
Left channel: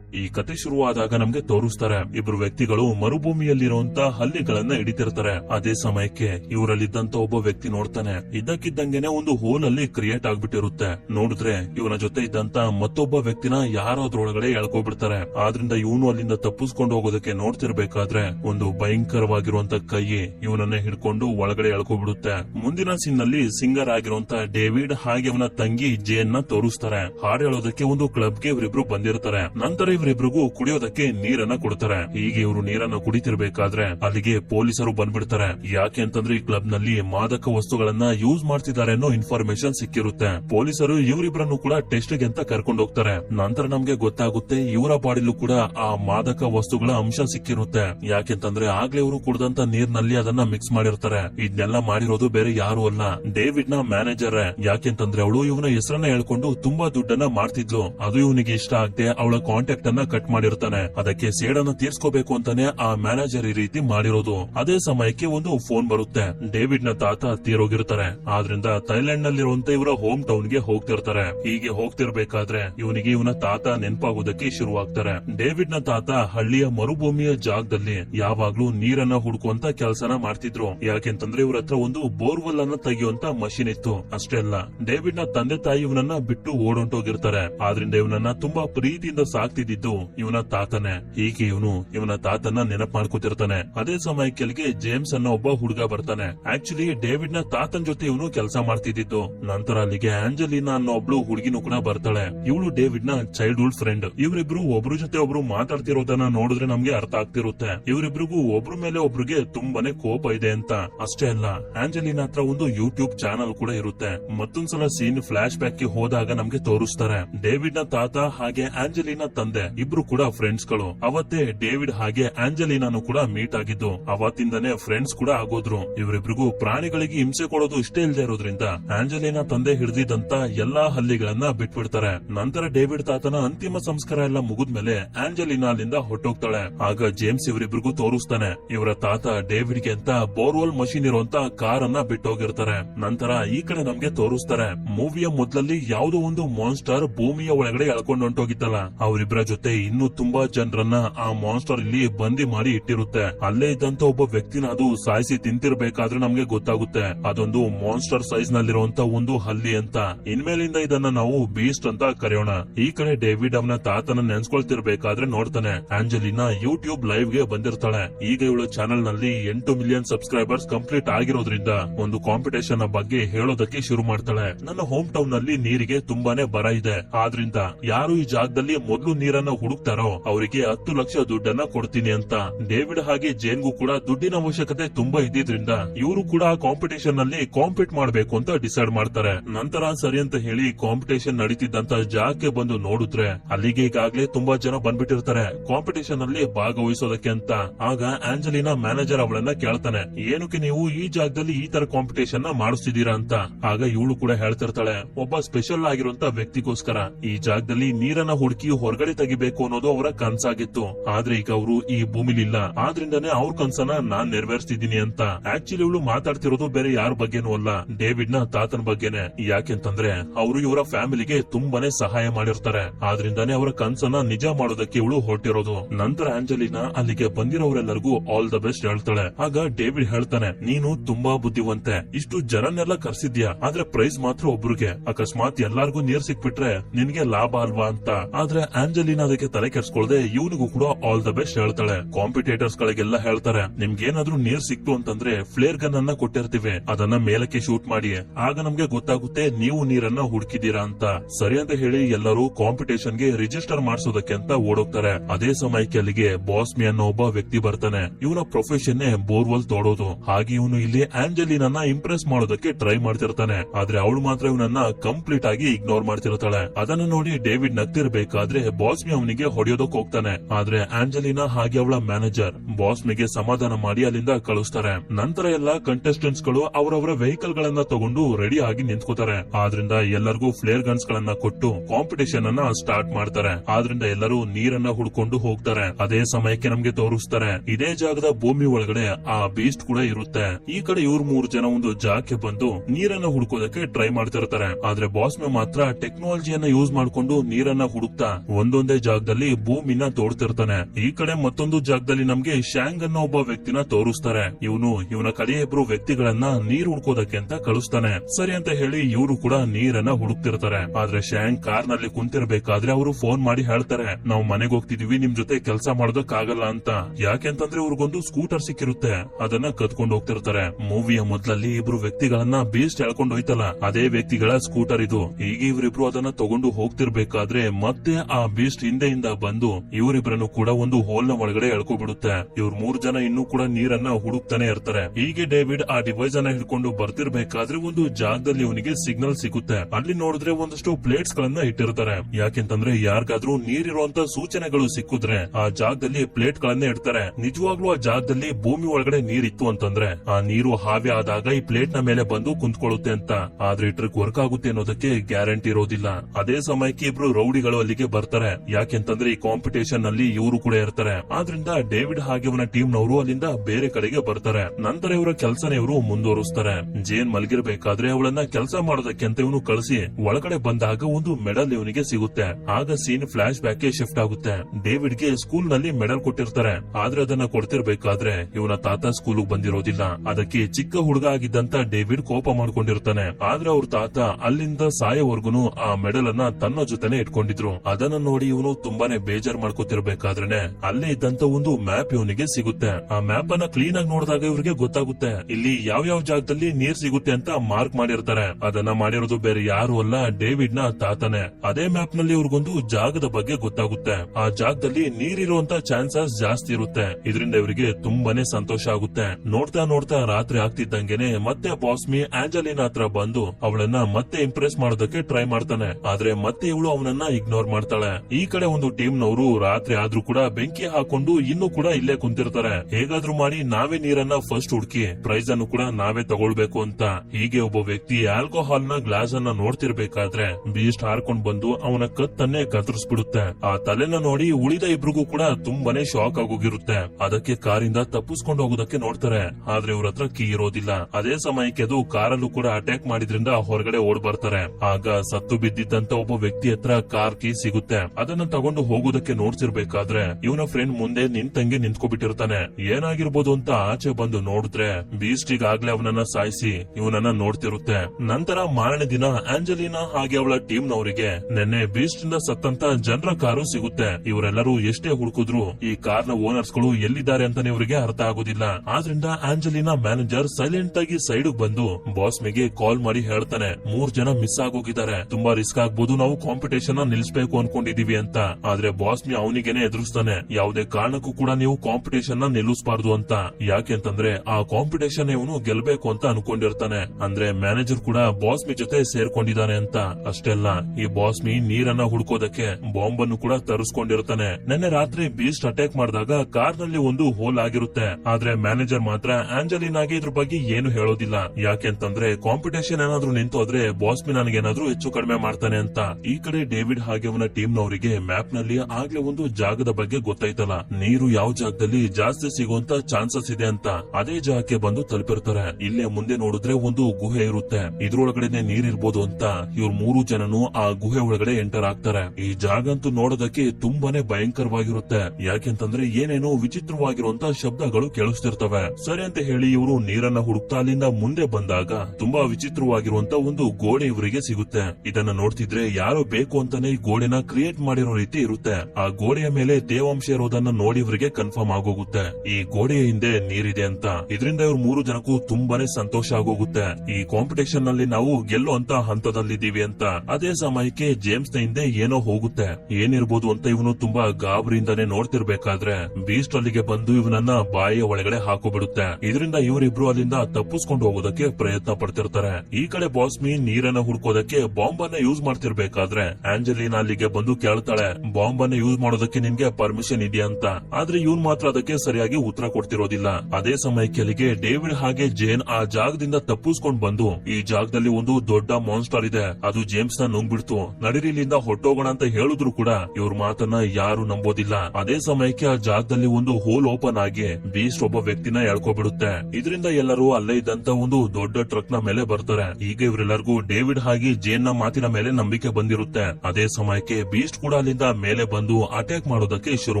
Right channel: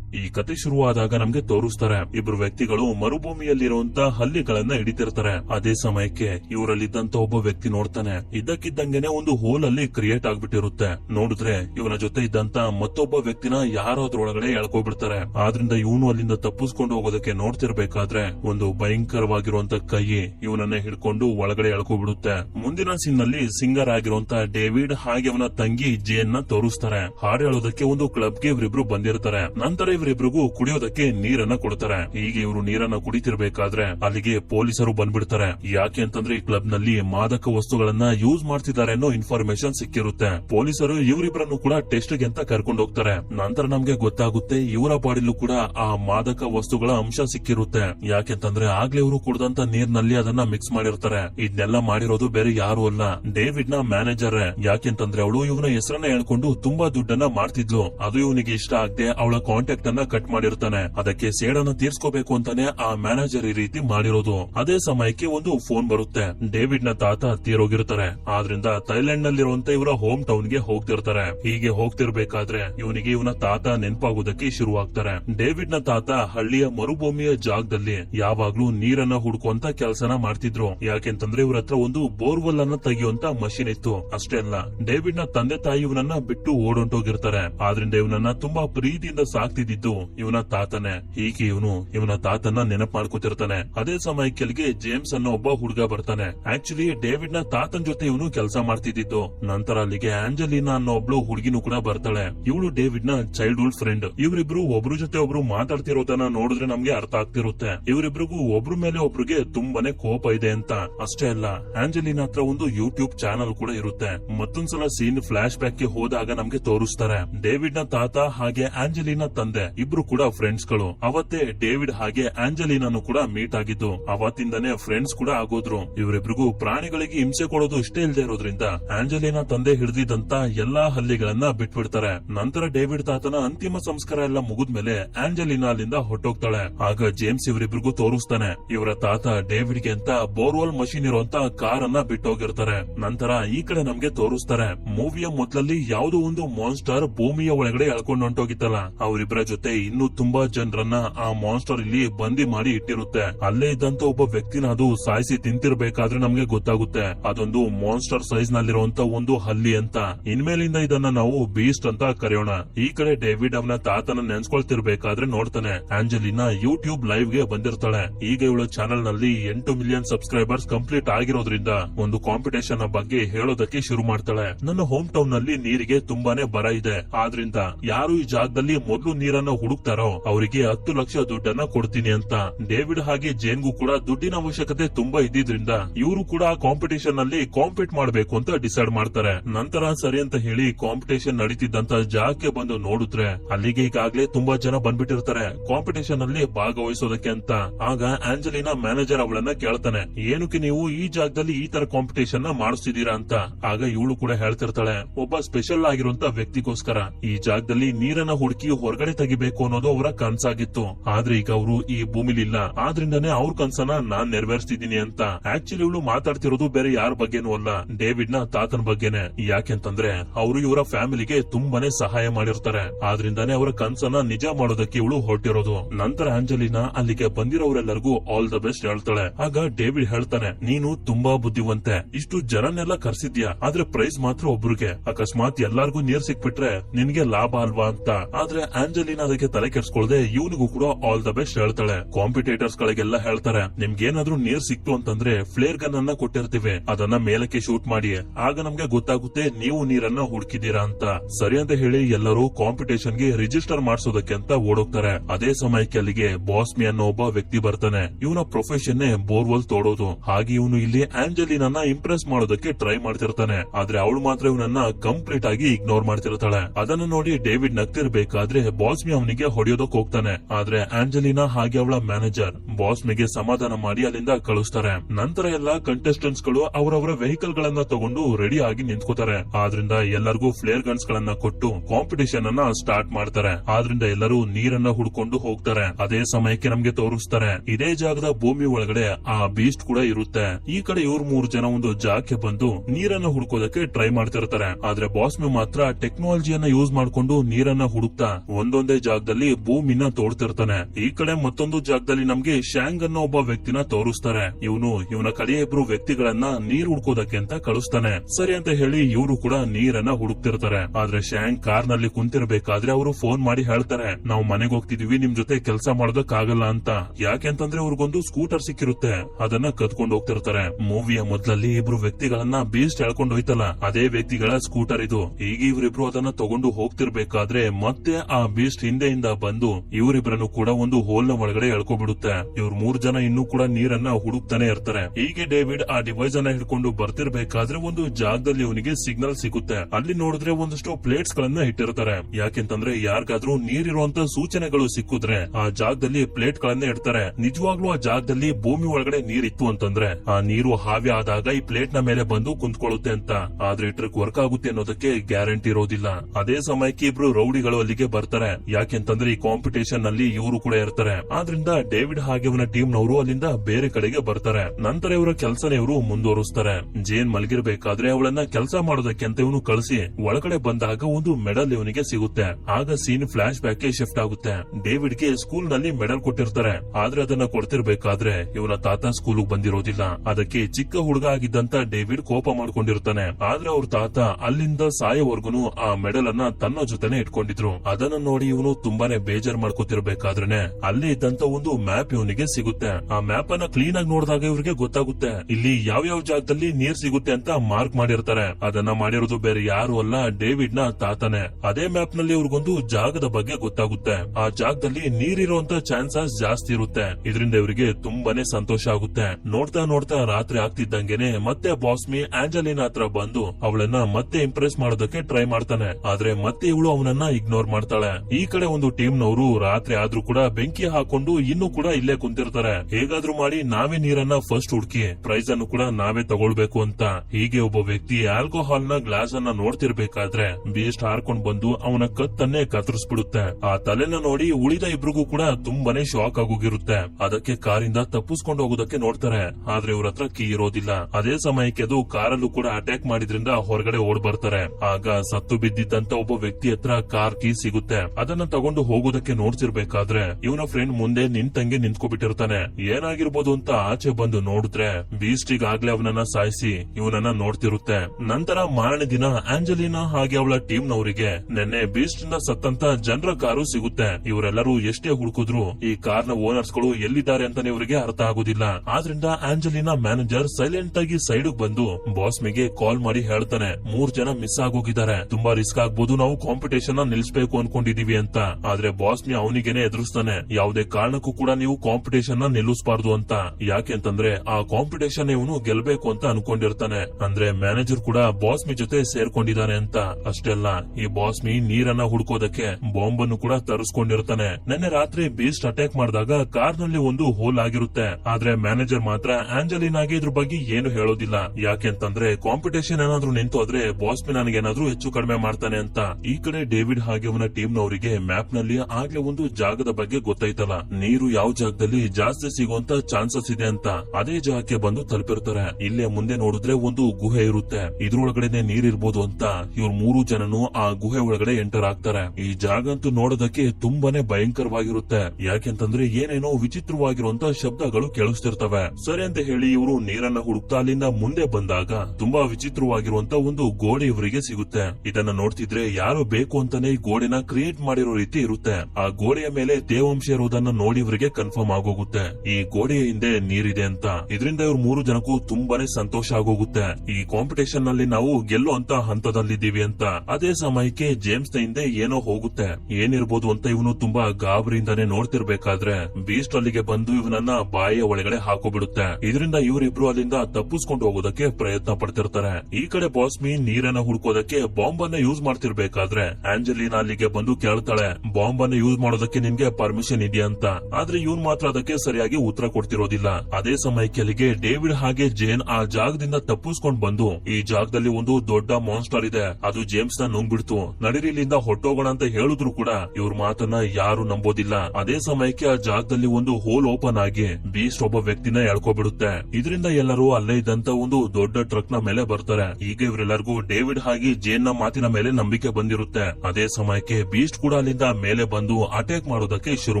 ಈ ಕತೆ ಶುರುವಾದಾಗ ನಮ್ಗೆ ತೋರಿಸ್ತಾರೆ, ಇಬ್ರು ವ್ಯಕ್ತಿಗಳು ಮರುಭೂಮಿಯಲ್ಲಿರುವಂತ ಹಲ್ಲಿಗಳನ್ನ ಹಿಡಿತಿರ್ತಾರೆ. ಅದೇ ಸಮಯಕ್ಕೆ ಇವರಲ್ಲಿದ್ದಂತ ಒಬ್ಬ ವ್ಯಕ್ತಿ ನೋಡ್ತಾನೆ. ಇದ್ದಕ್ಕಿದ್ದಂಗೆನೆ ಒಂದು ಹೋಲ್ ಅಲ್ಲಿ ಕ್ರಿಯೇಟ್ ಆಗ್ಬಿಟ್ಟಿರುತ್ತೆ. ನೋಡಿದ್ರೆ ಇವನ ಜೊತೆ ಇದ್ದಂತ ಮತ್ತೊಬ್ಬ ವ್ಯಕ್ತಿನ ಯಾರೋ ಅದ್ರೊಳಗಡೆ ಎಳ್ಕೊಬಿಡ್ತಾರೆ. ಆದ್ರಿಂದ ಇವನು ಅಲ್ಲಿಂದ ತಪ್ಪಿಸ್ಕೊಂಡು ಹೋಗೋದಕ್ಕೆ ನೋಡ್ತಿರ್ಬೇಕಾದ್ರೆ ಒಂದು ಭಯಂಕರವಾಗಿರುವಂತ ಕೈ ಇವನನ್ನ ಹಿಡ್ಕೊಂಡು ಒಳಗಡೆ ಎಳ್ಕೊಬಿಡುತ್ತೆ. ಮುಂದಿನ ಸೀನ್ನಲ್ಲಿ ಸಿಂಗರ್ ಆಗಿರುವಂತ ಡೇವಿಡ್ ಹಾಗೆ ಅವನ ತಂಗಿ ಜೇನ್ನ ತೋರಿಸ್ತಾರೆ. ಹಾಡು ಹೇಳೋದಕ್ಕೆ ಒಂದು ಕ್ಲಬ್ಗೆ ಇವರಿಬ್ರು ಬಂದಿರ್ತಾರೆ. ನಂತರ ಇವರಿಬ್ರಿಗೂ ಕುಡಿಯೋದಕ್ಕೆ ನೀರನ್ನ ಕೊಡ್ತಾರೆ. ಹೀಗೆ ಇವರು ನೀರನ್ನ ಕುಡಿತಿರ್ಬೇಕಾದ್ರೆ ಅಲ್ಲಿಗೆ ಪೊಲೀಸರು ಬಂದ್ಬಿಡ್ತಾರೆ. ಯಾಕೆ ಅಂತಂದ್ರೆ ಈ ಕ್ಲಬ್ನಲ್ಲಿ ಮಾದಕ ವಸ್ತುಗಳನ್ನ ಯೂಸ್ ಮಾಡ್ತಿದ್ದಾರೆ ಅನ್ನೋ ಇನ್ಫಾರ್ಮೇಶನ್ ಸಿಕ್ಕಿರುತ್ತೆ. ಪೊಲೀಸರು ಇವರಿಬ್ಬರನ್ನು ಕೂಡ ಟೆಸ್ಟ್ಗೆ ಅಂತ ಕರ್ಕೊಂಡು ಹೋಗ್ತಾರೆ. ನಂತರ ನಮ್ಗೆ ಗೊತ್ತಾಗುತ್ತೆ ಇವರ ಬಾಡಿಲು ಕೂಡ ಆ ಮಾದಕ ವಸ್ತುಗಳ ಅಂಶ ಸಿಕ್ಕಿರುತ್ತೆ. ಯಾಕೆಂತಂದ್ರೆ ಆಗ್ಲೇ ಇವರು ಕುಡ್ದಂತ ನೀರ್ನಲ್ಲಿ ಅದನ್ನ ಮಿಕ್ಸ್ ಮಾಡಿರ್ತಾರೆ. ಇದನ್ನೆಲ್ಲ ಮಾಡಿರೋದು ಬೇರೆ ಯಾರು ಅಲ್ಲ. ಡೇವಿಡ್ನ ಮ್ಯಾನೇಜರ್ ಯಾಕೆಂತಂದ್ರೆ ಅವಳು ಇವನ ಹೆಸರನ್ನ ಹೇಳ್ಕೊಂಡು ತುಂಬಾ ದುಡ್ಡನ್ನ ಮಾಡ್ತಿದ್ಲು. ಅದು ಇವನಿಗೆ ಇಷ್ಟ ಆಗದೆ ಅವಳ ಕಾಂಟ್ಯಾಕ್ಟ್ ಅನ್ನ ಕಟ್ ಮಾಡಿರ್ತಾನೆ. ಅದಕ್ಕೆ ಸೇಡನ್ನು ತೀರ್ಸ್ಕೋಬೇಕು ಅಂತಾನೆ ಆ ಮ್ಯಾನೇಜರ್ ಈ ರೀತಿ ಮಾಡಿರೋದು. ಅದೇ ಸಮಯಕ್ಕೆ ಒಂದು ಫೋನ್ ಬರುತ್ತೆ. ಡೇವಿಡ್ನ ತಾತ ತೀರೋಗಿರ್ತಾರೆ ಆದ್ರಿಂದ ಥೈಲ್ಯಾಂಡ್ ನಲ್ಲಿರುವಂತ ಇವರ ಹೋಮ್ ಟೌನ್ಗೆ ಹೋಗ್ತಿರ್ತಾರೆ. ಹೀಗೆ ಹೋಗ್ತಿರ್ಬೇಕಾದ್ರೆ ಇವನಿಗೆ ಇವನ ತಾತ ನೆನಪಾಗೋದಕ್ಕೆ ಶುರುವಾಗ್ತಾರೆ. ಡೇವಿಡ್ನ ತಾತ ಹಳ್ಳಿಯ ಮರುಭೂಮಿಯ ಜಾಗದಲ್ಲಿ ಯಾವಾಗ್ಲೂ ನೀರನ್ನ ಹುಡುಕುವಂತ ಕೆಲಸನ ಮಾಡ್ತಿದ್ರು. ಯಾಕೆಂತಂದ್ರೆ ಇವ್ರ ಹತ್ರ ಒಂದು ಬೋರ್ವೆಲ್ ಅನ್ನ ತೆಗೆಯುವಂತ ಮಷಿನ್ ಇತ್ತು. ಅಷ್ಟೇ ಅಲ್ಲ ಡೇವಿಡ್ನ ತಂದೆ ತಾಯಿ ಇವನನ್ನ ಬಿಟ್ಟು ಓಡೊಂಟೋಗಿರ್ತಾರೆ. ಆದ್ರಿಂದ ಇವನನ್ನ ತುಂಬಾ ಪ್ರೀತಿಯಿಂದ ಸಾಕ್ತಿದ್ದು ಇವನ ತಾತನೇ. ಹೀಗೆ ಇವನು ಇವನ ತಾತನ ನೆನಪು ಮಾಡ್ಕೊತಿರ್ತಾನೆ ಅದೇ ಸಮಯಕ್ಕೆ ಜೇಮ್ಸ್ ಅನ್ನೋ ಒಬ್ಬ ಹುಡುಗ ಬರ್ತಾನೆ. ಆಕ್ಚುಲಿ ಡೇವಿಡ್ನ ತಾತನ್ ಜೊತೆ ಇವನು ಕೆಲಸ ಮಾಡ್ತಿದ್ದು ನಂತರ ಅಲ್ಲಿಗೆ ಆಂಜಲಿನಾ ಅನ್ನೋ ಒಬ್ಳು ಹುಡುಗಿನೂ ಕೂಡ ಬರ್ತಾಳೆ. ಇವಳು ಡೇವಿಡ್ನ ಚೈಲ್ಡ್ಹುಡ್ ಫ್ರೆಂಡ್ ಇವರಿಬ್ರು ಒಬ್ರು ಜೊತೆ ಒಬ್ರು ಮಾತಾಡ್ತಿರೋದನ್ನ ನೋಡಿದ್ರೆ ನಮ್ಗೆ ಅರ್ಥ ಆಗ್ತಿರುತ್ತೆ. ಇವರಿಬ್ರಿಗೂ ಒಬ್ರು ಮೇಲೆ ಒಬ್ರಿಗೆ ತುಂಬಾನೇ ಕೋಪ ಇದೆ ಅಂತ. ಅಷ್ಟೇ ಅಲ್ಲ, ಆಂಜಲಿನ ಹತ್ರ ಒಂದು ಯೂಟ್ಯೂಬ್ ಚಾನಲ್ ಕೂಡ ಇರುತ್ತೆ. ಮತ್ತೊಂದ್ಸಲ ಸೀನ್ ಫ್ಲಾಶ್ ಬ್ಯಾಕ್ಗೆ ಹೋದಾಗ ನಮ್ಗೆ ತೋರಿಸ್ತಾರೆ. ಡೇವಿಡ್ನ ತಾತ ಹಾಗೆ ಆಂಜಲಿನಾ ತಂದೆ. ಇಬ್ರು ಕೂಡ ಫ್ರೆಂಡ್ಸ್ಗಳು ಅವತ್ತೇ ಡೇವಿಡ್ ಹಾಗೆ ಆಂಜಲಿನಾನು ಕೂಡ ಮೀಟ್ ಆಗಿದ್ದು, ಅವತ್ತಿಂದಾನೇ ಫ್ರೆಂಡ್ಸ್ ಕೂಡ ಆಗೋದ್ರು. ಇವರಿಬ್ರಿಗೂ ಪ್ರಾಣಿಗಳಿಗೆ ಹಿಂಸೆ ಕೊಡೋದು ಇಷ್ಟ ಇಲ್ಲದೆ ಇರೋದ್ರಿಂದ ಆಂಜಲಿನಾ ತಂದೆ ಹಿಡಿದಿದ್ದಂತ ಎಲ್ಲಾ ಹಲ್ಲಿಗಳನ್ನ ಬಿಟ್ಬಿಡ್ತಾರೆ. ನಂತರ ಡೇವಿಡ್ ತಾತನ ಅಂತಿಮ ಸಂಸ್ಕಾರ ಎಲ್ಲ ಮುಗಿದ್ಮೇಲೆ ಆಂಜಲಿನಾ ಅಲ್ಲಿಂದ ಹೊಟ್ಟೋಗ್ತಾಳೆ ಆಗ ಜೇಮ್ಸ್ ಇವರಿಬ್ರಿಗೂ ತೋರಿಸ್ತಾನೆ, ಇವರ ತಾತ ಡೇವಿಡ್ಗೆ ಅಂತ ಬೋರ್ವೆಲ್ ಮಷೀನ್ ಇರುವಂತ ಕಾರ್ ಅನ್ನ ಬಿಟ್ಟೋಗಿರ್ತಾರೆ. ನಂತರ ಈ ಕಡೆ ನಮ್ಗೆ ತೋರಿಸ್ತಾರೆ. ಮೂವಿಯ ಮೊದಲಲ್ಲಿ ಯಾವುದೋ ಒಂದು ಮಾನ್ಸ್ಟರ್ ಭೂಮಿಯ ಒಳಗಡೆ ಎಳ್ಕೊಂಡು ಹೊಂಟೋಗಿತ್ತಲ್ಲ ಅವರಿಬ್ಬರ ಜೊತೆ ಇನ್ನೂ ತುಂಬಾ ಜನರನ್ನ ಆ ಮಾನ್ಸ್ಟರ್ ಇಲ್ಲಿ ಬಂದಿ ಮಾಡಿ ಇಟ್ಟಿರುತ್ತೆ. ಅಲ್ಲೇ ಇದ್ದಂತ ಒಬ್ಬ ವ್ಯಕ್ತಿನ ಅದು ಸಾಯಿಸಿ ತಿಂತಿರ್ಬೇಕಾದ್ರೆ ನಮ್ಗೆ ಗೊತ್ತಾಗುತ್ತೆ. ಅದೊಂದು ಮಾನ್ಸ್ಟರ್ ಸೈಜ್ ನಲ್ಲಿರುವಂತ ಒಂದು ಹಲ್ಲಿ ಅಂತ. ಇನ್ಮೇಲಿಂದ ಇದನ್ನ ನಾವು ಬೀಸ್ಟ್ ಅಂತ ಕರೆಯೋಣ. ಈ ಕಡೆ ಡೇವಿಡ್ ಅವನ ತಾತನ ನೆನ್ಸ್ಕೊಳ್ತಿರ್ಬೇಕಾದ್ರೆ ನೋಡ್ತಾನೆ. ಆಂಜಲಿನಾ ಯೂಟ್ಯೂಬ್ ಲೈವ್ಗೆ ಬಂದಿರ್ತಾಳೆ. ಈಗ ಇವಳ ಚಾನೆಲ್ನಲ್ಲಿ ಎಂಟು ಮಿಲಿಯನ್ ಸಬ್ಸ್ಕ್ರೈಬರ್ಸ್ ಕಂಪ್ಲೀಟ್ ಆಗಿರೋದ್ರಿಂದ ಒಂದು ಕಾಂಪಿಟೇಷನ್ ಬಗ್ಗೆ ಹೇಳೋದಕ್ಕೆ ಶುರು ಮಾಡ್ತಾಳೆ. ನನ್ನ ಹೋಮ್ ಟೌನ್ನಲ್ಲಿ ನೀರಿಗೆ ತುಂಬಾನೇ ಬರ ಇದೆ. ಆದ್ರಿಂದ ಯಾರು ಈ ಜಾಗದಲ್ಲಿ ಮೊದಲು ನೀರನ್ನು ಹುಡುಕ್ತಾರೋ ಅವರಿಗೆ ಹತ್ತು ಲಕ್ಷ ದುಡ್ಡನ್ನ ಕೊಡ್ತೀನಿ ಅಂತ. ಡೇವಿಡ್ ಹಾಗೆ ಜೇನ್ಗೂ ಕೂಡ ದುಡ್ಡಿನ ಅವಶ್ಯಕತೆ ತುಂಬಾ ಇದ್ದಿದ್ರಿಂದ ಇವರು ಕೂಡ ಕಾಂಪಿಟೇಷನ್ನಲ್ಲಿ ಕಾಂಪೀಟ್ ಮಾಡ್ಬೇಕು ಅಂತ ಡಿಸೈಡ್ ಮಾಡ್ತಾರೆ. ನಂತರ ಸರಿ ಅಂತ ಹೇಳಿ ಕಾಂಪಿಟೇಷನ್ ನಡೀತಿದ್ದಂತ ಜಾಗಕ್ಕೆ ಬಂದು ನೋಡಿದ್ರೆ ಅಲ್ಲಿಗೆ ಈಗಾಗಲೇ ತುಂಬಾ ಜನ ಬಂದ್ಬಿಟ್ಟಿರ್ತಾರೆ. ಕಾಂಪಿಟೇಷನ್ ಅಲ್ಲಿ ಭಾಗವಹಿಸೋದಕ್ಕೆ ಅಂತ. ಆಗ ಆಂಜಲಿನಾ ಮ್ಯಾನೇಜರ್ ಅವಳನ್ನ ಕೇಳ್ತಾನೆ, ಏನಕ್ಕೆ ನೀವು ಈ ಜಾಗದಲ್ಲಿ ಈ ತರ ಕಾಂಪಿಟೇಷನ್ನ ಮಾಡಿಸ್ತಿದ್ದೀರಾ ಅಂತ? ಆಗ ಇವಳು ಕೂಡ ಹೇಳ್ತಿರ್ತಾಳೆ, ಒಬ್ಬ ಸ್ಪೆಷಲ್ ಆಗಿರುವಂತ ವ್ಯಕ್ತಿಗೋಸ್ಕರ. ಈ ಜಾಗದಲ್ಲಿ ನೀರನ್ನ ಹುಡುಕಿ ಹೊರಗಡೆ ತೆಗಿಬೇಕು ಅನ್ನೋದು ಅವರ ಕನ್ಸಾಗಿತ್ತು. ಆದ್ರೆ ಈಗ ಅವರು ಈ ಭೂಮಿಲಿಲ್ಲ. ಆದ್ರಿಂದಾನೇ ಅವ್ರ ಕನ್ಸನ್ನ ನಾನ್ ನೆರವೇರಿಸ್ತಿದ್ದೀನಿ ಅಂತ. ಆಕ್ಚುಲಿ ಇವಳು ಮಾತಾಡ್ತಿರೋದು ಬೇರೆ ಯಾರ ಬಗ್ಗೆನೂ ಅಲ್ಲ. ಡೇವಿಡ್ನ ತಾತನ ಬಗ್ಗೆನೆ. ಯಾಕೆಂತಂದ್ರೆ ಅವರು ಇವರ ಫ್ಯಾಮಿಲಿಗೆ ತುಂಬಾನೇ ಸಹಾಯ ಮಾಡಿರ್ತಾರೆ. ಆದ್ರಿಂದಾನೇ ಅವರ ಕನ್ಸನ್ನ ನಿಜ ಮಾಡೋದಕ್ಕೆ ಇವಳು ಹೊರಟಿರೋದು. ನಂತರ ಆಂಜಲಿನಾ ಅಲ್ಲಿಗೆ ಬಂದಿರೋರೆಲ್ಲರಿಗೂ ಆಲ್ ದ ಬೆಸ್ಟ್ ಹೇಳ್ತಾಳೆ. ಆಗ ಡೇವಿಡ್ ಹೇಳ್ತಾನೆ, ನೀನು ತುಂಬಾ ಬುದ್ಧಿವಂತೆ. ಇಷ್ಟು ಜನನ್ನೆಲ್ಲ ಕರ್ಸಿದ್ಯಾ? ಆದ್ರೆ ಪ್ರೈಸ್ ಮಾತ್ರ ಒಬ್ರಿಗೆ. ಅಕಸ್ಮಾತ್ ಎಲ್ಲಾರ್ಗೂ ನೀರ್ ಸಿಕ್ಬಿಟ್ರೆ ನಿನ್ಗೆ ಲಾಭ ಅಲ್ವಾ? ಅಂತ. ಆದ್ರೆ ಆಂಜಲಿನಾ ಅದಕ್ಕೆ ತಲೆ ಕೆಡ್ಸ್ಕೊಳ್ದೆ ಇವನಿಗೂ ಕೂಡ ಆಲ್ ದ ಬೆಸ್ಟ್ ಹೇಳ್ತಾಳೆ. ಕಾಂಪಿಟೇಟರ್ಸ್ ಗಳಿಗೆಲ್ಲ ಹೇಳ್ತಾರೆ, ನಿಮ್ಗೇನಾದ್ರೂ ನೀರ್ ಸಿಕ್ತು ಅಂತಂದ್ರೆ ಫ್ಲೇರ್ ಗನ್ ಅನ್ನ ಕೊಟ್ಟಿರ್ತೀವಿ, ಅದನ್ನ ಮೇಲಕ್ಕೆ ಶೂಟ್ ಮಾಡಿ. ಆಗ ನಮ್ಗೆ ಗೊತ್ತಾಗುತ್ತೆ ನೀವು ನೀರನ್ನ ಹುಡುಕಿದೀರಾ ಅಂತ. ಸರಿ ಅಂತ ಹೇಳಿ ಎಲ್ಲರೂ ಕಾಂಪಿಟೇಷನ್ಗೆ ರಿಜಿಸ್ಟರ್ ಮಾಡಿಸೋದಕ್ಕೆ ಅಂತ ಓಡೋಗ್ತಾರೆ. ಅದೇ ಸಮಯಕ್ಕೆ ಅಲ್ಲಿಗೆ ಬಾಸ್ಮಿ ಅನ್ನೋ ಒಬ್ಬ ವ್ಯಕ್ತಿ ಬರ್ತಾನೆ. ಇವನ ಪ್ರೊಫೆಷನ್ ಬೋರ್ವೆಲ್ ತೋಡೋದು. ಹಾಗೆ ಇವನು ಇಲ್ಲಿ ಆಂಜಲಿನನ್ನ ಇಂಪ್ರೆಸ್ ಮಾಡೋದಕ್ಕೆ ಟ್ರೈ ಮಾಡ್ತಿರ್ತಾನೆ. ಆದ್ರೆ ಅವಳು ಮಾತ್ರ ಇವನನ್ನ ಕಂಪ್ಲೀಟ್ ಆಗಿ ಇಗ್ನೋರ್ ಮಾಡ್ತಿರ್ತಾಳೆ. ಅದನ್ನು ನೋಡಿ ಡೇವಿಡ್ ನಗ್ತಿರ್ಬೇಕಾದ್ರೆ ಬಾಸ್ಮಿ ಬಾಸ್ಮಿ ಅವನಿಗೆ ಹೊಡೆಯೋದಕ್ ಹೋಗ್ತಾನೆ. ಆದ್ರೆ ಆಂಜಲಿನಾ ಹಾಗೆ ಅವಳ ಮ್ಯಾನೇಜರ್ ಬಾಸ್ನಿಗೆ ಸಮಾಧಾನ ಮಾಡಿ ಅಲ್ಲಿಂದ ಕಳಿಸ್ತಾರೆ. ನಂತರ ಎಲ್ಲ ಕಂಟೆಸ್ಟೆಂಟ್ಸ್ಗಳು ಅವರವರ ವೆಹಿಕಲ್ ಗಳನ್ನ ತಗೊಂಡು ರೆಡಿ ಆಗಿ ನಿಂತ್ಕೋತಾರೆ. ಆದ್ರಿಂದ ಎಲ್ಲರಿಗೂ ಫ್ಲೇರ್ ಗನ್ಸ್ ಗಳನ್ನ ಕೊಟ್ಟು ಕಾಂಪಿಟೇಷನ್ ಅನ್ನ ಸ್ಟಾರ್ಟ್ ಮಾಡ್ತಾರೆ. ಆದ್ರಿಂದ ಎಲ್ಲರೂ ನೀರನ್ನ ಹುಡ್ಕೊಂಡು ಹೋಗ್ತಾರೆ. ಅದೇ ಸಮಯಕ್ಕೆ ನಮ್ಗೆ ತೋರಿಸ್ತಾರೆ. ಇದೇ ಜಾಗದ ಭೂಮಿ ಒಳಗಡೆ ಆ ಬೀಸ್ಟ್ ಕೂಡ ಇರುತ್ತೆ. ಈ ಕಡೆ ಇವ್ರ ಮೂರ್ ಜನ ಒಂದು ಜಾಗಕ್ಕೆ ಬಂದು ನೀರನ್ನ ಹುಡ್ಕೋದಕ್ಕೆ ಟ್ರೈ ಮಾಡ್ತಿರ್ತಾರೆ. ಆದ್ರೆ ಬಾಸ್ನ ಮಾತ್ರ ಟೆಕ್ನಾಲಜಿಯನ್ನ ಯೂಸ್ ಮಾಡ್ಕೊಂಡು ನೀರನ್ನ ಹುಡುಕ್ತಾ ಒಂದೊಂದೇ ಜಾಗದಲ್ಲಿ ಭೂಮಿನ ತೋಡ್ತಿರ್ತಾನೆ. ಈ ಕಡೆ ಮತ್ತೊಂದು ಜಾಗದಲ್ಲಿ ನಮ್ಗೆ ಶ್ಯಾಂಗ್ ಅನ್ನೋ ಒಬ್ಬ ವ್ಯಕ್ತಿನ ತೋರಿಸ್ತಾರೆ. ಇವನು ಇವನ ಕಡೆ ಇಬ್ರು ವ್ಯಕ್ತಿಗಳನ್ನ ನೀರ್ ಹುಡ್ಕೋದಕ್ಕೆ ಅಂತ ಕಳಿಸ್ತಾನೆ. ಸರಿ ಅಂತ ಹೇಳಿ ಇವರು ಕೂಡ ನೀರನ್ನ ಹುಡುಕ್ತಿರ್ತಾರೆ. ಆದ್ರೆ ಶ್ಯಾಂಗ್ ಕಾರ್ನಲ್ಲಿ ಕುಂತಿರ್ಬೇಕಾದ್ರೆ ಅವರು ಫೋನ್ ಮಾಡಿ ಹೇಳ್ತಾರೆ. ನಾವು ಮನೆಗೆ ಹೋಗ್ತಿದೀವಿ, ನಿಮ್ ಜೊತೆ ಕೆಲಸ ಮಾಡೋದಕ್ ಆಗಲ್ಲ ಅಂತ ಯಾಕೆಂತಂದ್ರೆ ಅವ್ರಿಗೊಂದು ಸ್ಕೂಟರ್ ಸಿಕ್ಕಿರುತ್ತೆ. ಅದನ್ನ ಕದ್ಕೊಂಡು ಹೋಗ್ತಿರ್ತಾರೆ. ಮೂವಿಯ ಮೊದ್ಲಲ್ಲಿ ಇಬ್ರು ವ್ಯಕ್ತಿಗಳನ್ನ ಬೇಸ್ಟ್ ಎಳ್ಕೊಂಡು ಹೋಯ್ತಲ್ಲ, ಅದೇ ವ್ಯಕ್ತಿಗಳ ಸ್ಕೂಟರ್ ಇದು. ಹೀಗೆ ಇವರಿಬ್ರು ಅದನ್ನ ತಗೊಂಡು ಹೋಗ್ತಿರ್ಬೇಕಾದ್ರೆ ಮತ್ತೆ ಆ ಬೇಸ್ಟ್ ಹಿಂದೆಯಿಂದ ಬಂದು ಇವರಿಬ್ಬರನ್ನು ಕೂಡ ಒಂದು ಹೋಲ್ನ ಒಳಗಡೆ ಎಳ್ಕೊಬಿಡುತ್ತೆ. ಇವ್ರ ಮೂರ್ ಜನ ಇನ್ನೂ ಕೂಡ ನೀರನ್ನ ಹುಡುಕ್ತಾನೆ ಇರ್ತಾರೆ. ಹೀಗೆ ಡೇವಿಡ್ ಆ ಡಿವೈಸ್ ಅನ್ನ ಹಿಡ್ಕೊಂಡು ಬರ್ತಿರ್ಬೇಕಾದ್ರೆ ಒಂದು ಜಾಗದಲ್ಲಿ ಅವನಿಗೆ ಸಿಗ್ನಲ್ ಸಿಗುತ್ತೆ. ಅಲ್ಲಿ ನೋಡಿದ್ರೆ ಒಂದಷ್ಟು ಪ್ಲೇಟ್ಸ್ ಗಳನ್ನ ಇಟ್ಟಿರ್ತಾರೆ. ಯಾಕೆಂತಂದ್ರೆ ಯಾರಿಗಾದ್ರೂ ನೀರಿರುವಂತ ಸೂಚನೆಗಳು ಸಿಕ್ಕಿದ್ರೆ ಆ ಜಾಗದಲ್ಲಿ ಪ್ಲೇಟ್ ಗಳನ್ನ ಇಡ್ತಾರೆ. ನಿಜವಾಗ್ಲೂ ಆ ಜಾಗದಲ್ಲಿ ಭೂಮಿ ಒಳಗಡೆ ನೀರಿತ್ತು ಅಂತಂದ್ರೆ ಆ ನೀರು ಹಾವಿ ಆದಾಗ ಈ ಪ್ಲೇಟ್ನ ಮೇಲೆ ಬಂದು ಕುಂತ್ಕೊಳ್ಳುತ್ತೆ ಅಂತ. ಆದ್ರೆ ಟ್ರಕ್ ವರ್ಕ್ ಆಗುತ್ತೆ ಅನ್ನೋದಕ್ಕೆ ಗ್ಯಾರಂಟಿ ಇರೋದಿಲ್ಲ. ಅದೇ ಸಮಯಕ್ಕೆ ಇಬ್ರು ರೌಡಿಗಳು ಅಲ್ಲಿಗೆ ಬರ್ತಾರೆ. ಯಾಕೆಂತಂದ್ರೆ ಈ ಕಾಂಪಿಟೇಷನ್ ಅಲ್ಲಿ ಇವರು ಕೂಡ ಇರ್ತಾರೆ. ಆದ್ರಿಂದ ಡೇವಿಡ್ ಹಾಗೆ ಅವನ ಟೀಮ್ ನವರು ಅಲ್ಲಿಂದ ಬೇರೆ ಕಡೆಗೆ ಬರ್ತಾರೆ. ನಂತರ ಇವರ ಕೆಲಸನ ಇವರು ಮುಂದುವರಿಸ್ತಾರೆ. ಜೇನ್ ಮಲಗಿರ್ಬೇಕಾದ್ರೆ ಅವಳನ್ನ ಕೆಲಸ ಮಾಡೋದಕ್ಕೆ ಅಂತ ಇವನು ಕಳಿಸಿ ಒಳಗಡೆ ಬಂದಾಗ ಒಂದು ಮೆಡಲ್ ಇವನಿಗೆ ಸಿಗುತ್ತೆ. ಆಗ ಸೀನ್ ಫ್ಲಾಶ್ ಬ್ಯಾಕ್ ಶಿಫ್ಟ್ ಆಗುತ್ತೆ. ಡೇವಿಡ್ಗೆ ಸ್ಕೂಲ್ನಲ್ಲಿ ಮೆಡಲ್ ಕೊಟ್ಟಿರ್ತಾರೆ. ಆದ್ರೆ ಅದನ್ನ ಕೊಡ್ತಿರ್ಬೇಕಾದ್ರೆ ಇವನ ತಾತ ಸ್ಕೂಲ್ ಬಂದಿರೋದಿಲ್ಲ. ಅದಕ್ಕೆ ಚಿಕ್ಕ ಹುಡುಗ ಆಗಿದ್ದಂತ ಡೇವಿಡ್ ಕೋಪ ಮಾಡ್ಕೊಂಡಿರ್ತಾನೆ. ಆದ್ರೆ ಅವ್ರ ತಾತ ಅಲ್ಲಿಂದ ಸಾಯೋವರ್ಗುನು ಆ ಮೆಡಲ್ ಅನ್ನ ತನ್ನ ಜೊತೆನೆ ಇಟ್ಕೊಂಡಿದ್ರು. ಅದನ್ನ ನೋಡಿ ಇವನು ತುಂಬಾನೇ ಬೇಜಾರ್ ಮಾಡ್ಕೋತಿರ್ಬೇಕಾದ್ರೆ ಅಲ್ಲೇ ಇದ್ದಂತ ಒಂದು ಮ್ಯಾಪ್ ಇವನಿಗೆ ಸಿಗುತ್ತೆ. ಆ ಮ್ಯಾಪ್ ಅನ್ನ ಕ್ಲೀನ್ ಆಗಿ ನೋಡಿದಾಗ ಇವ್ರಿಗೆ ಗೊತ್ತಾಗುತ್ತೆ. ಇಲ್ಲಿ ಯಾವ ಯಾವ ಜಾಗದಲ್ಲಿ ನೀರ್ ಸಿಗುತ್ತೆ ಅಂತ ಮಾರ್ಕ್ ಮಾಡಿರ್ತಾರೆ. ಅದನ್ನ ಮಾಡಿರೋದು ಬೇರೆ ಯಾರು ಅಲ್ಲ ಡೇವಿಡ್ನ ತಾತನೆ. ಅದೇ ಮ್ಯಾಪ್ನಲ್ಲಿ ಇವ್ರಿಗೊಂದು ಜಾಗದ ಬಗ್ಗೆ ಗೊತ್ತಾಗುತ್ತೆ. ಆ ಜಾಗದಲ್ಲಿ ನೀರಿರುವಂತ ಚಾನ್ಸಸ್ ಜಾಸ್ತಿ ಇರುತ್ತೆ. ಇದರಿಂದ ಇವರಿಗೆ ತುಂಬಾನೇ ಸಂತೋಷ ಆಗುತ್ತೆ. ನೋಡ್ತಾ ನೋಡ್ತಾ ರಾತ್ರಿ ಆಗ್ತಿದ್ದಂಗೆನೆ ಮತ್ತೆ ಬಾಸ್ಮಿ ಆಂಜಲಿನ ಹತ್ರ ಬಂದು ಅವಳನ್ನ ಮತ್ತೆ ಇಂಪ್ರೆಸ್ ಮಾಡೋದಕ್ಕೆ ಟ್ರೈ ಮಾಡ್ತಾನೆ. ಆದ್ರೆ ಮತ್ತೆ ಇವಳು ಅವನನ್ನ ಇಗ್ನೋರ್ ಮಾಡ್ತಾಳೆ. ಈ ಕಡೆ ಒಂದು ಟೀಮ್ ನವರು ರಾತ್ರಿ ಆದ್ರೂ ಕೂಡ ಬೆಂಕಿ ಹಾಕೊಂಡು ಇನ್ನು ಕೂಡ ಇಲ್ಲೇ ಕುಂತಿರ್ತಾರೆ. ಹೇಗಾದ್ರೂ ಮಾಡಿ ನಾವೇ ನೀರನ್ನ ಫಸ್ಟ್ ಹುಡುಕಿ ಪ್ರೈಸ್ ಅನ್ನು ಕೂಡ ನಾವೇ ತಗೊಳ್ಬೇಕು ಅಂತ. ಹೀಗೆ ಒಬ್ಬ ವ್ಯಕ್ತಿ ಆಲ್ಕೋಹಾಲ್ನ ಗ್ಲಾಸ್ ಅನ್ನ ನೋಡ್ತಿರ್ಬೇಕಾದ್ರೆ ಬೀಸ್ಟ್ ಹಾರ್ಕೊಂಡ್ ಬಂದು ಅವನ ಕತ್ತನ್ನೇ ಕತ್ತರಿಸ್ಬಿಡುತ್ತೆ. ಆ ತಲೆನ ನೋಡಿ ಉಳಿದ ಇಬ್ರಿಗೂ ಕೂಡ ತುಂಬಾನೇ ಶಾಕ್ ಆಗೋಗಿರುತ್ತೆ. ಅದಕ್ಕೆ ಕಾರಿಂದ ತಪ್ಪಿಸ್ಕೊಂಡು ಹೋಗೋದಕ್ಕೆ ನೋಡ್ತಾರೆ. ಆದ್ರೆ ಇವ್ರ ಹತ್ರ ಕೀ ಇರೋದಿಲ್ಲ. ಅದೇ ಸಮಯಕ್ಕೆ ಅದು ಕಾರಲ್ಲೂ ಕೂಡ ಅಟ್ಯಾಕ್ ಮಾಡಿದ್ರಿಂದ ಹೊರಗಡೆ ಓಡ್ ಬರ್ತಾರೆ ಆಗ ಸತ್ತು ಬಿದ್ದಿದ್ದಂತ ಒಬ್ಬ ವ್ಯಕ್ತಿ ಹತ್ರ ಕಾರ್ ಕೀ ಸಿಗುತ್ತೆ. ಅದನ್ನ ತಗೊಂಡು ಹೋಗೋದಕ್ಕೆ ನೋಡ್ತಿರ್ಬೇಕಾದ್ರೆ ಇವನ ಫ್ರೆಂಡ್ ಮುಂದೆ ನಿಂತಂಗೆ ನಿಂತ್ಕೊಬಿಟ್ಟಿರ್ತಾನೆ. ಏನಾಗಿರ್ಬೋದು ಅಂತ ಆಚೆ ಬಂದು ನೋಡಿದ್ರೆ ಬೀಸ್ಟ್ ಈಗಾಗ್ಲೇ ಅವನನ್ನ ಸಾಯಿಸಿ ಇವನನ್ನ ನೋಡ್ತಿರುತ್ತೆ. ನಂತರ ಮಾರನೇ ದಿನ ಆಂಜಲಿನಾ ಹಾಗೆ ಅವಳ ಟೀಮ್ ನವರಿಗೆ ನಿನ್ನೆ ಬೀಸ್ಟ್ ಇಂದ ಸತ್ತಂತ ಜನರ ಕಾರು ಸಿಗುತ್ತೆ. ಇವರೆಲ್ಲರೂ ಎಷ್ಟೇ ಹುಡುಕಿದ್ರು ಈ ಕಾರ್ನ ಓನರ್ಸ್ಗಳು ಎಲ್ಲಿದ್ದಾರೆ ಅಂತ ಇವರಿಗೆ ಅರ್ಥ ಆಗುದಿಲ್ಲ. ಆದ್ರಿಂದ ಆಂಜಲಿನಾ ಮ್ಯಾನೇಜರ್ ಸೈಲೆಂಟ್ ಆಗಿ ಸೈಡ್ ಬಂದು ಬಾಸ್ಮಿಗೆ ಕಾಲ್ ಮಾಡಿ ಹೇಳ್ತಾನೆ. ಮೂರ್ ಜನ ಮಿಸ್ ಆಗೋಗಿದ್ದಾರೆ. ತುಂಬಾ ರಿಸ್ಕ್ ಆಗ್ಬೋದು. ನಾವು ಕಾಂಪಿಟೇಷನ್ ನಿಲ್ಸ್ಬೇಕು ಅನ್ಕೊಂಡಿದೀವಿ ಅಂತ. ಆದ್ರೆ ಬಾಸ್ ನಿ ಅವನಿಗೆನೆ ಎದುರಿಸ್ತಾನೆ. ಯಾವುದೇ ಕಾರಣಕ್ಕೂ ಕೂಡ ನೀವು ಕಾಂಪಿಟೇಷನ್ನ ನಿಲ್ಲಿಸಬಾರ್ದು ಅಂತ. ಯಾಕೆಂತಂದ್ರೆ ಆ ಕಾಂಪಿಟೇಷನ್ ಇವನು ಗೆಲ್ಬೇಕು ಅಂತ ಅನ್ಕೊಂಡಿರ್ತಾನೆ. ಅಂದ್ರೆ ಮ್ಯಾನೇಜರ್ ಕೂಡ ಬಾಸ್ ಮಿ ಜೊತೆ ಸೇರ್ಕೊಂಡಿದ್ದಾನೆ ಅಂತ. ಅಷ್ಟೆಲ್ಲ. ಈ ಬಾಸ್ ಮಿ ನೀರನ್ನ ಹುಡ್ಕೋದಕ್ಕೆ ಬಾಂಬ್ ಅನ್ನು ಕೂಡ ತರಿಸ್ಕೊಂಡಿರ್ತಾನೆ. ನಿನ್ನೆ ರಾತ್ರಿ ಬೀಸ್ಟ್ ಅಟ್ಯಾಕ್ ಮಾಡಿದಾಗ ಕಾರ್ನಲ್ಲಿ ಒಂದು ಹೋಲ್ ಆಗಿರುತ್ತೆ. ಆದ್ರೆ ಮ್ಯಾನೇಜರ್ ಮಾತ್ರ ಆಂಜಲಿನಾಗೆ ಇದ್ರ ಬಗ್ಗೆ ಏನು ಹೇಳೋದಿಲ್ಲ. ಯಾಕೆಂತಂದ್ರೆ ಕಾಂಪಿಟೇಷನ್ ಏನಾದ್ರೂ ನಿಂತು ಹೋದ್ರೆ ಬಾಸ್ಮಿ ನನಗೇನಾದ್ರೂ ಹೆಚ್ಚು ಕಡಿಮೆ ಮಾಡ್ತಾನೆ ಅಂತ. ಈ ಕಡೆ ಡೇವಿಡ್ ಹಾಗೆ ಅವನ ಟೀಮ್ ನವರಿಗೆ ಮ್ಯಾಪ್ನಲ್ಲಿ ಆಗ್ಲೇ ಒಂದು ಜಾಗದ ಬಗ್ಗೆ ಗೊತ್ತಾಯ್ತಲ್ಲ ನೀರು ಯಾವ ಜಾಗದಲ್ಲಿ ಜಾಸ್ತಿ ಸಿಗುವಂತ ಚಾನ್ಸಸ್ ಇದೆ ಅಂತ. ಅದೇ ಜಾಗಕ್ಕೆ ಬಂದು ತಲುಪಿರ್ತಾರೆ. ಇಲ್ಲೇ ಮುಂದೆ ನೋಡಿದ್ರೆ ಒಂದು ಗುಹೆ ಇರುತ್ತೆ. ಇದ್ರೊಳಗಡೆನೆ ನೀರ್ ಇರ್ಬೋದು ಅಂತ. ಇವ್ರ ಮೂರು ಜನನು ಆ ಗುಹೆ ಒಳಗಡೆ ಎಂಟರ್ ಆಗ್ತಾರೆ. ಈ ಜಾಗ ಅಂತೂ ನೋಡೋದಕ್ಕೆ ತುಂಬಾನೇ ಭಯಂಕರವಾಗಿರುತ್ತೆ. ಯಾಕೆಂತಂದ್ರೆ ಏನೇನೋ ವಿಚಿತ್ರವಾಗಿರುವಂತ ಶಬ್ದಗಳು ಕೇಳಿಸ್ತಿರ್ತವೆ. ಸರಿ ಅಂತ ಹೇಳಿ ಇವರು ನೀರನ್ನ ಹುಡುಕ್ತಾ ಅಲ್ಲಿಂದ ಮುಂದೆ ಬಂದಾಗ ತುಂಬಾ ವಿಚಿತ್ರವಾಗಿರುವಂತ ಒಂದು ಗೋಡೆ ಇವರಿಗೆ ಸಿಗುತ್ತೆ. ಇದನ್ನ ನೋಡ್ತಿದ್ರೆ ಯಾರೋ ಬೇಕು ಅಂತಾನೆ ಈ ಗೋಡೆನ ಕ್ರಿಯೇಟ್ ಮಾಡಿರೋ ರೀತಿ ಇರುತ್ತೆ. ಆ ಗೋಡೆಯ ಮೇಲೆ ತೇವಾಂಶ ಇರೋದನ್ನ ನೋಡಿ ಇವರಿಗೆ ಕನ್ಫರ್ಮ್ ಆಗೋಗುತ್ತೆ. ಈ ಗೋಡೆಯ ಹಿಂದೆ ನೀರಿದೆ ಅಂತ. ಇದರಿಂದ ಇವ್ರ ಮೂರು ಜನಕ್ಕೂ ತುಂಬಾನೇ ಸಂತೋಷ ಆಗೋಗುತ್ತೆ. ಈ ಕಾಂಪಿಟೇಷನ್ನಲ್ಲಿ ನಾವು ಗೆಲ್ಲುವಂತ ಹಂತದಲ್ಲಿದ್ದೀವಿ ಅಂತ. ಅದೇ ಸಮಯಕ್ಕೆ ಜೇಮ್ಸ್ ಹಿಂದೆ ಏನೋ ಹೋಗುತ್ತೆ. ಏನಿರ್ಬೋದು ಅಂತ ಇವನು ತುಂಬಾ ಗಾಬರಿಯಿಂದಾನೆ ನೋಡ್ತಿರ್ಬೇಕಾದ್ರೆ ಬೀಸ್ಟ್ ಅಲ್ಲಿಗೆ ಬಂದು ಇವನನ್ನ ಬಾಯಿಯ ಒಳಗಡೆ ಹಾಕೋಬಿಡುತ್ತೆ. ಇದರಿಂದ ಇವರಿಬ್ರು ಅಲ್ಲಿಂದ ತಪ್ಪಿಸ್ಕೊಂಡು ಹೋಗೋದಕ್ಕೆ ಪ್ರಯತ್ನ ಪಡ್ತಿರ್ತಾರೆ. ಈ ಕಡೆ ಬಾಸ್ಮಿ ನೀರನ್ನ ಹುಡ್ಕೋದಕ್ಕೆ ಬಾಂಬ್ ಅನ್ನ ಯೂಸ್ ಮಾಡ್ತಿರ್ಬೇಕಾದ್ರೆ ಆಂಜಲಿನಾ ಅಲ್ಲಿಗೆ ಬಂದು ಕೇಳ್ತಾಳೆ ಕೇಳ್ತಾಳೆ ಬಾಂಬ್ ಅನ್ನ ಯೂಸ್ ಮಾಡೋದಕ್ಕೆ ನಿಮ್ಗೆ ಪರ್ಮಿಷನ್ ಇದೆಯಾ ಅಂತ. ಆದ್ರೆ ಇವನ್ ಮಾತ್ರ ಅದಕ್ಕೆ ಸರಿಯಾಗಿ ಉತ್ತರ ಕೊಡ್ತಿರೋದಿಲ್ಲ. ಅದೇ ಸಮಯಕ್ಕೆ ಅಲ್ಲಿಗೆ ಡೇವಿಡ್ ಹಾಗೆ ಜೇನ್ ಆ ಜಾಗದಿಂದ ತಪ್ಪಿಸ್ಕೊಂಡ್ ಬಂದು, ಈ ಜಾಗದಲ್ಲಿ ಒಂದು ದೊಡ್ಡ ಮಾನ್ಸ್ಟರ್ ಇದೆ. ಅದು ಜೇಮ್ಸ್ನ ನುಂಗ್ಬಿಡ್ತು ನಡಿರಿಲಿಂದ ಹೊಟ್ಟೋಗೋಣ ಅಂತ ಹೇಳಿದ್ರು ಕೂಡ ಇವ್ರ ಮಾತನ್ನ ಯಾರು ನಂಬೋದಿಲ್ಲ. ಅದೇ ಸಮಯಕ್ಕೆ ಆ ಜಾಗದಲ್ಲಿ ಒಂದು ಹೋಲ್ ಓಪನ್ ಆಗಿ ಬೀಸ್ಟ್ ಒಬ್ಬ ವ್ಯಕ್ತಿನ ಎಳ್ಕೊಬಿಡುತ್ತೆ. ಇದರಿಂದ ಎಲ್ಲರೂ ಅಲ್ಲೇ ಇದ್ದಂತ ಒಂದು ದೊಡ್ಡ ಟ್ರಕ್ನ ಮೇಲೆ ಬರ್ತಾರೆ. ಈಗ ಇವರೆಲ್ಲರಿಗೂ ಡೇವಿಡ್ ಹಾಗೆ ಜೇನ್ನ ಮಾತಿನ ಮೇಲೆ ನಂಬಿಕೆ ಬಂದಿರುತ್ತೆ. ಅದೇ ಸಮಯಕ್ಕೆ ಬೀಸ್ಟ್ ಕೂಡ ಅಲ್ಲಿಂದ ಮೇಲೆ ಬಂದು ಅಟ್ಯಾಕ್ ಮಾಡೋದಕ್ಕೆ ಶುರು